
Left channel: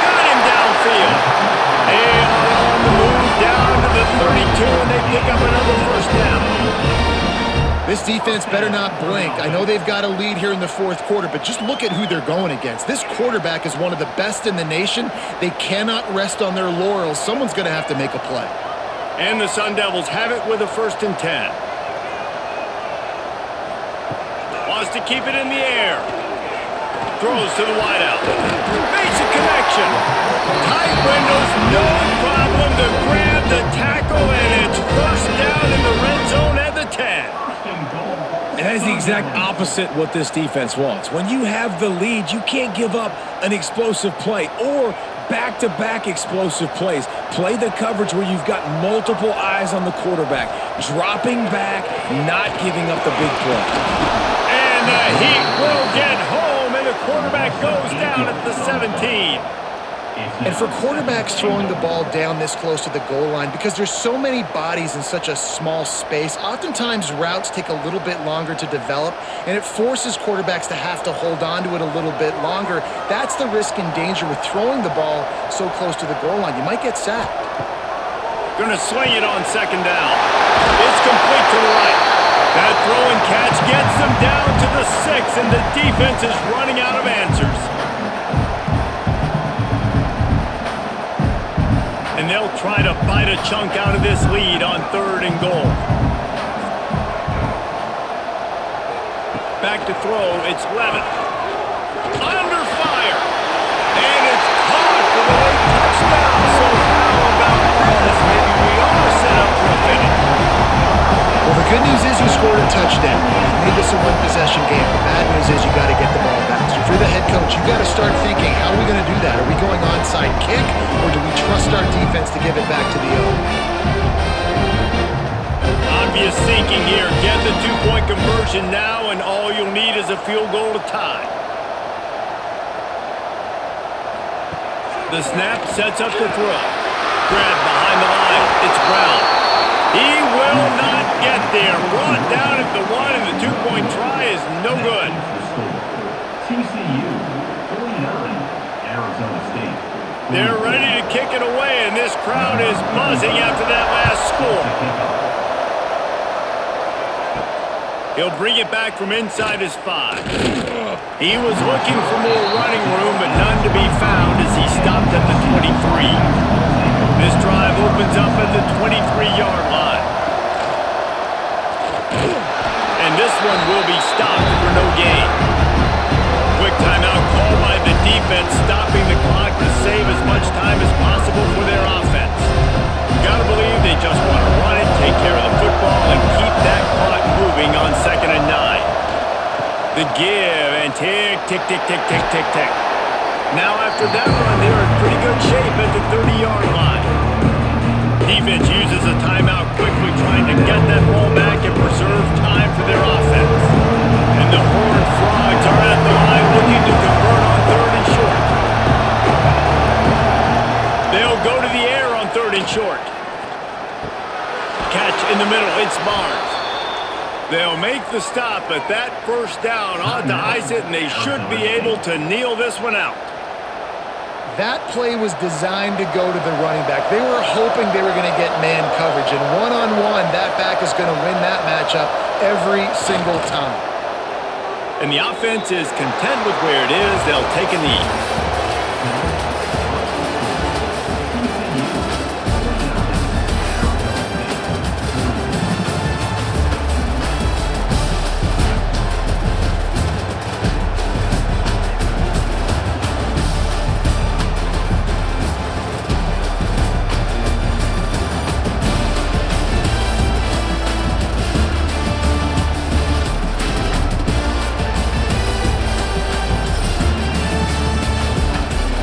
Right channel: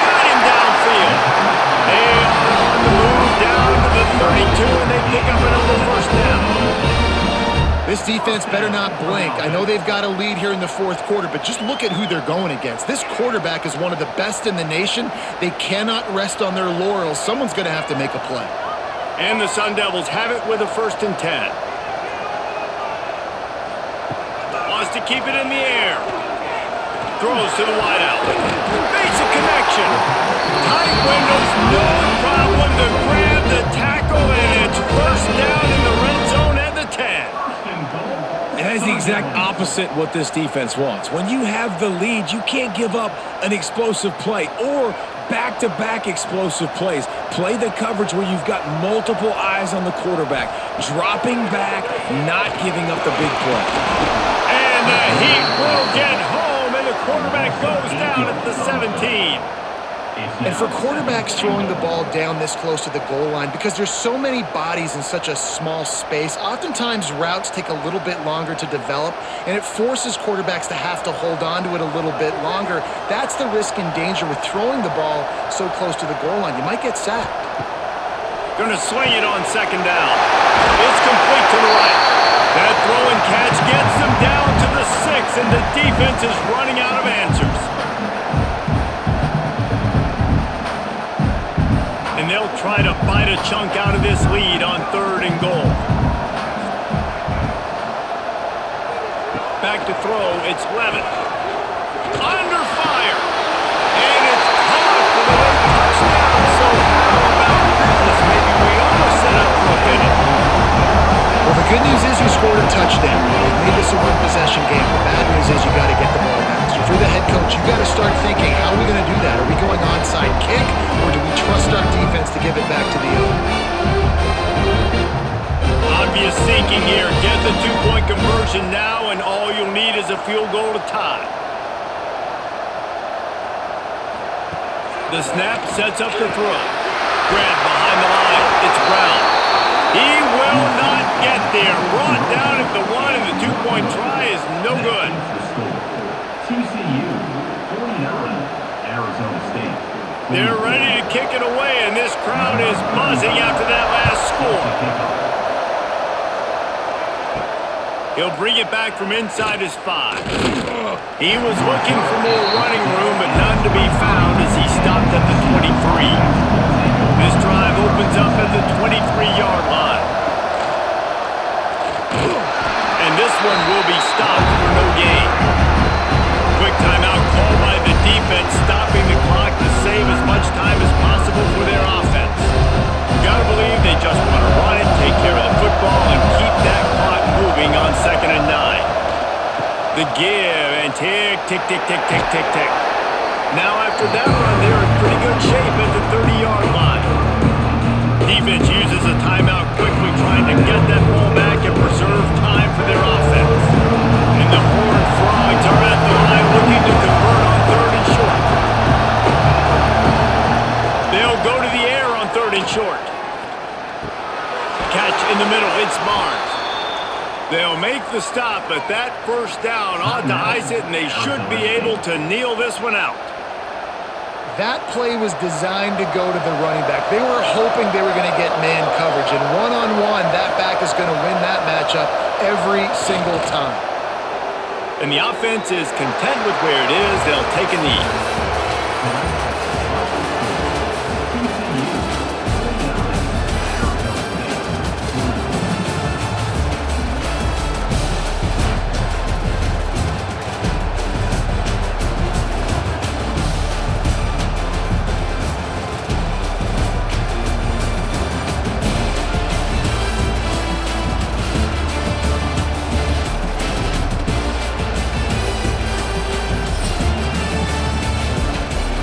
Got him downfield. They are on the move down to the 32, and they pick up another first down. This defense better not blink. I know they've got a lead here in the fourth quarter, but just look at who they're going against. This quarterback is one of the best in the nation. They cannot rest on their laurels. Someone's going to have to make a play. And the Sundevils have it with a 1st and 10. Wants to keep it in the air. Throws to the wideout. Makes a connection. Tight windows, no problem to grab the tackle, and it's first down in the red zone at the 10. And that is the exact opposite what this defense wants. When you have the lead, you can't give up an explosive play or back-to-back explosive plays. Play the coverage where you've got multiple eyes on the quarterback. Dropping back, not giving up the big play. And the Heat will get home, and the quarterback goes down at the 17. And for quarterbacks throwing the ball down this close to the goal line, because there's so many bodies in such a small space, oftentimes routes take a little bit longer to develop, and it forces quarterbacks to have to hold on to it a little bit longer. That's the risk and danger with throwing the ball so close to the goal line. You might get sacked. Gonna swing it on 2nd down. It's complete to the right. That throw and catch gets them down to the 6, and the defense is running out of answers. And they'll try to bite a chunk out of this lead on 3rd and goal. Back to throw, it's Levitt. Under fire. And it's caught for the late touchdown. So how about this? Maybe we are set up for a finish. Well, the good news is you scored a touchdown. You've made this a one-possession game. The bad news is you got to get the ball back. So if you're the head coach, you got to start thinking, how are we going to do that? Are we going onside kick, or do we trust our defense to give it back to the O? Obvious thinking here. Get the 2-point conversion now, and all you'll need is a field goal to tie. The snap sets up the throw. Grab behind the line. It's Brown. He will not get there. Brought down at the 1, and the 2-point try is no good. The score. TCU 49, Arizona State. 48. They're ready to kick it away, and this crowd is buzzing after that last score. He'll bring it back from inside his 5. He was looking for more running room, but none to be found as he stopped at the 23. This drive opens up at the 23-yard line. And this one will be stopped for no gain. Quick timeout called by the defense, stopping the clock to save as much time as possible for their offense. You gotta believe they just want to run it, take care of the football, and keep that clock moving on 2nd and 9. The give and tick, tick, tick, tick, tick, tick, tick. Now after that run, they're in pretty good shape at the 30-yard line. Defense uses a timeout quickly, trying to get that ball back and preserve time for their offense. And the Horned Frogs are at the line looking to convert on 3rd and short. They'll go to the air on 3rd and short. Catch in the middle, it's Barnes. They'll make the stop, but that first down ought to ice it, and they should be able to kneel this one out. That play was designed to go to the running back. They were hoping they were going to get man coverage, and one-on-one, that back is going to win that matchup every single time. And the offense is content with where it is. They'll take a knee.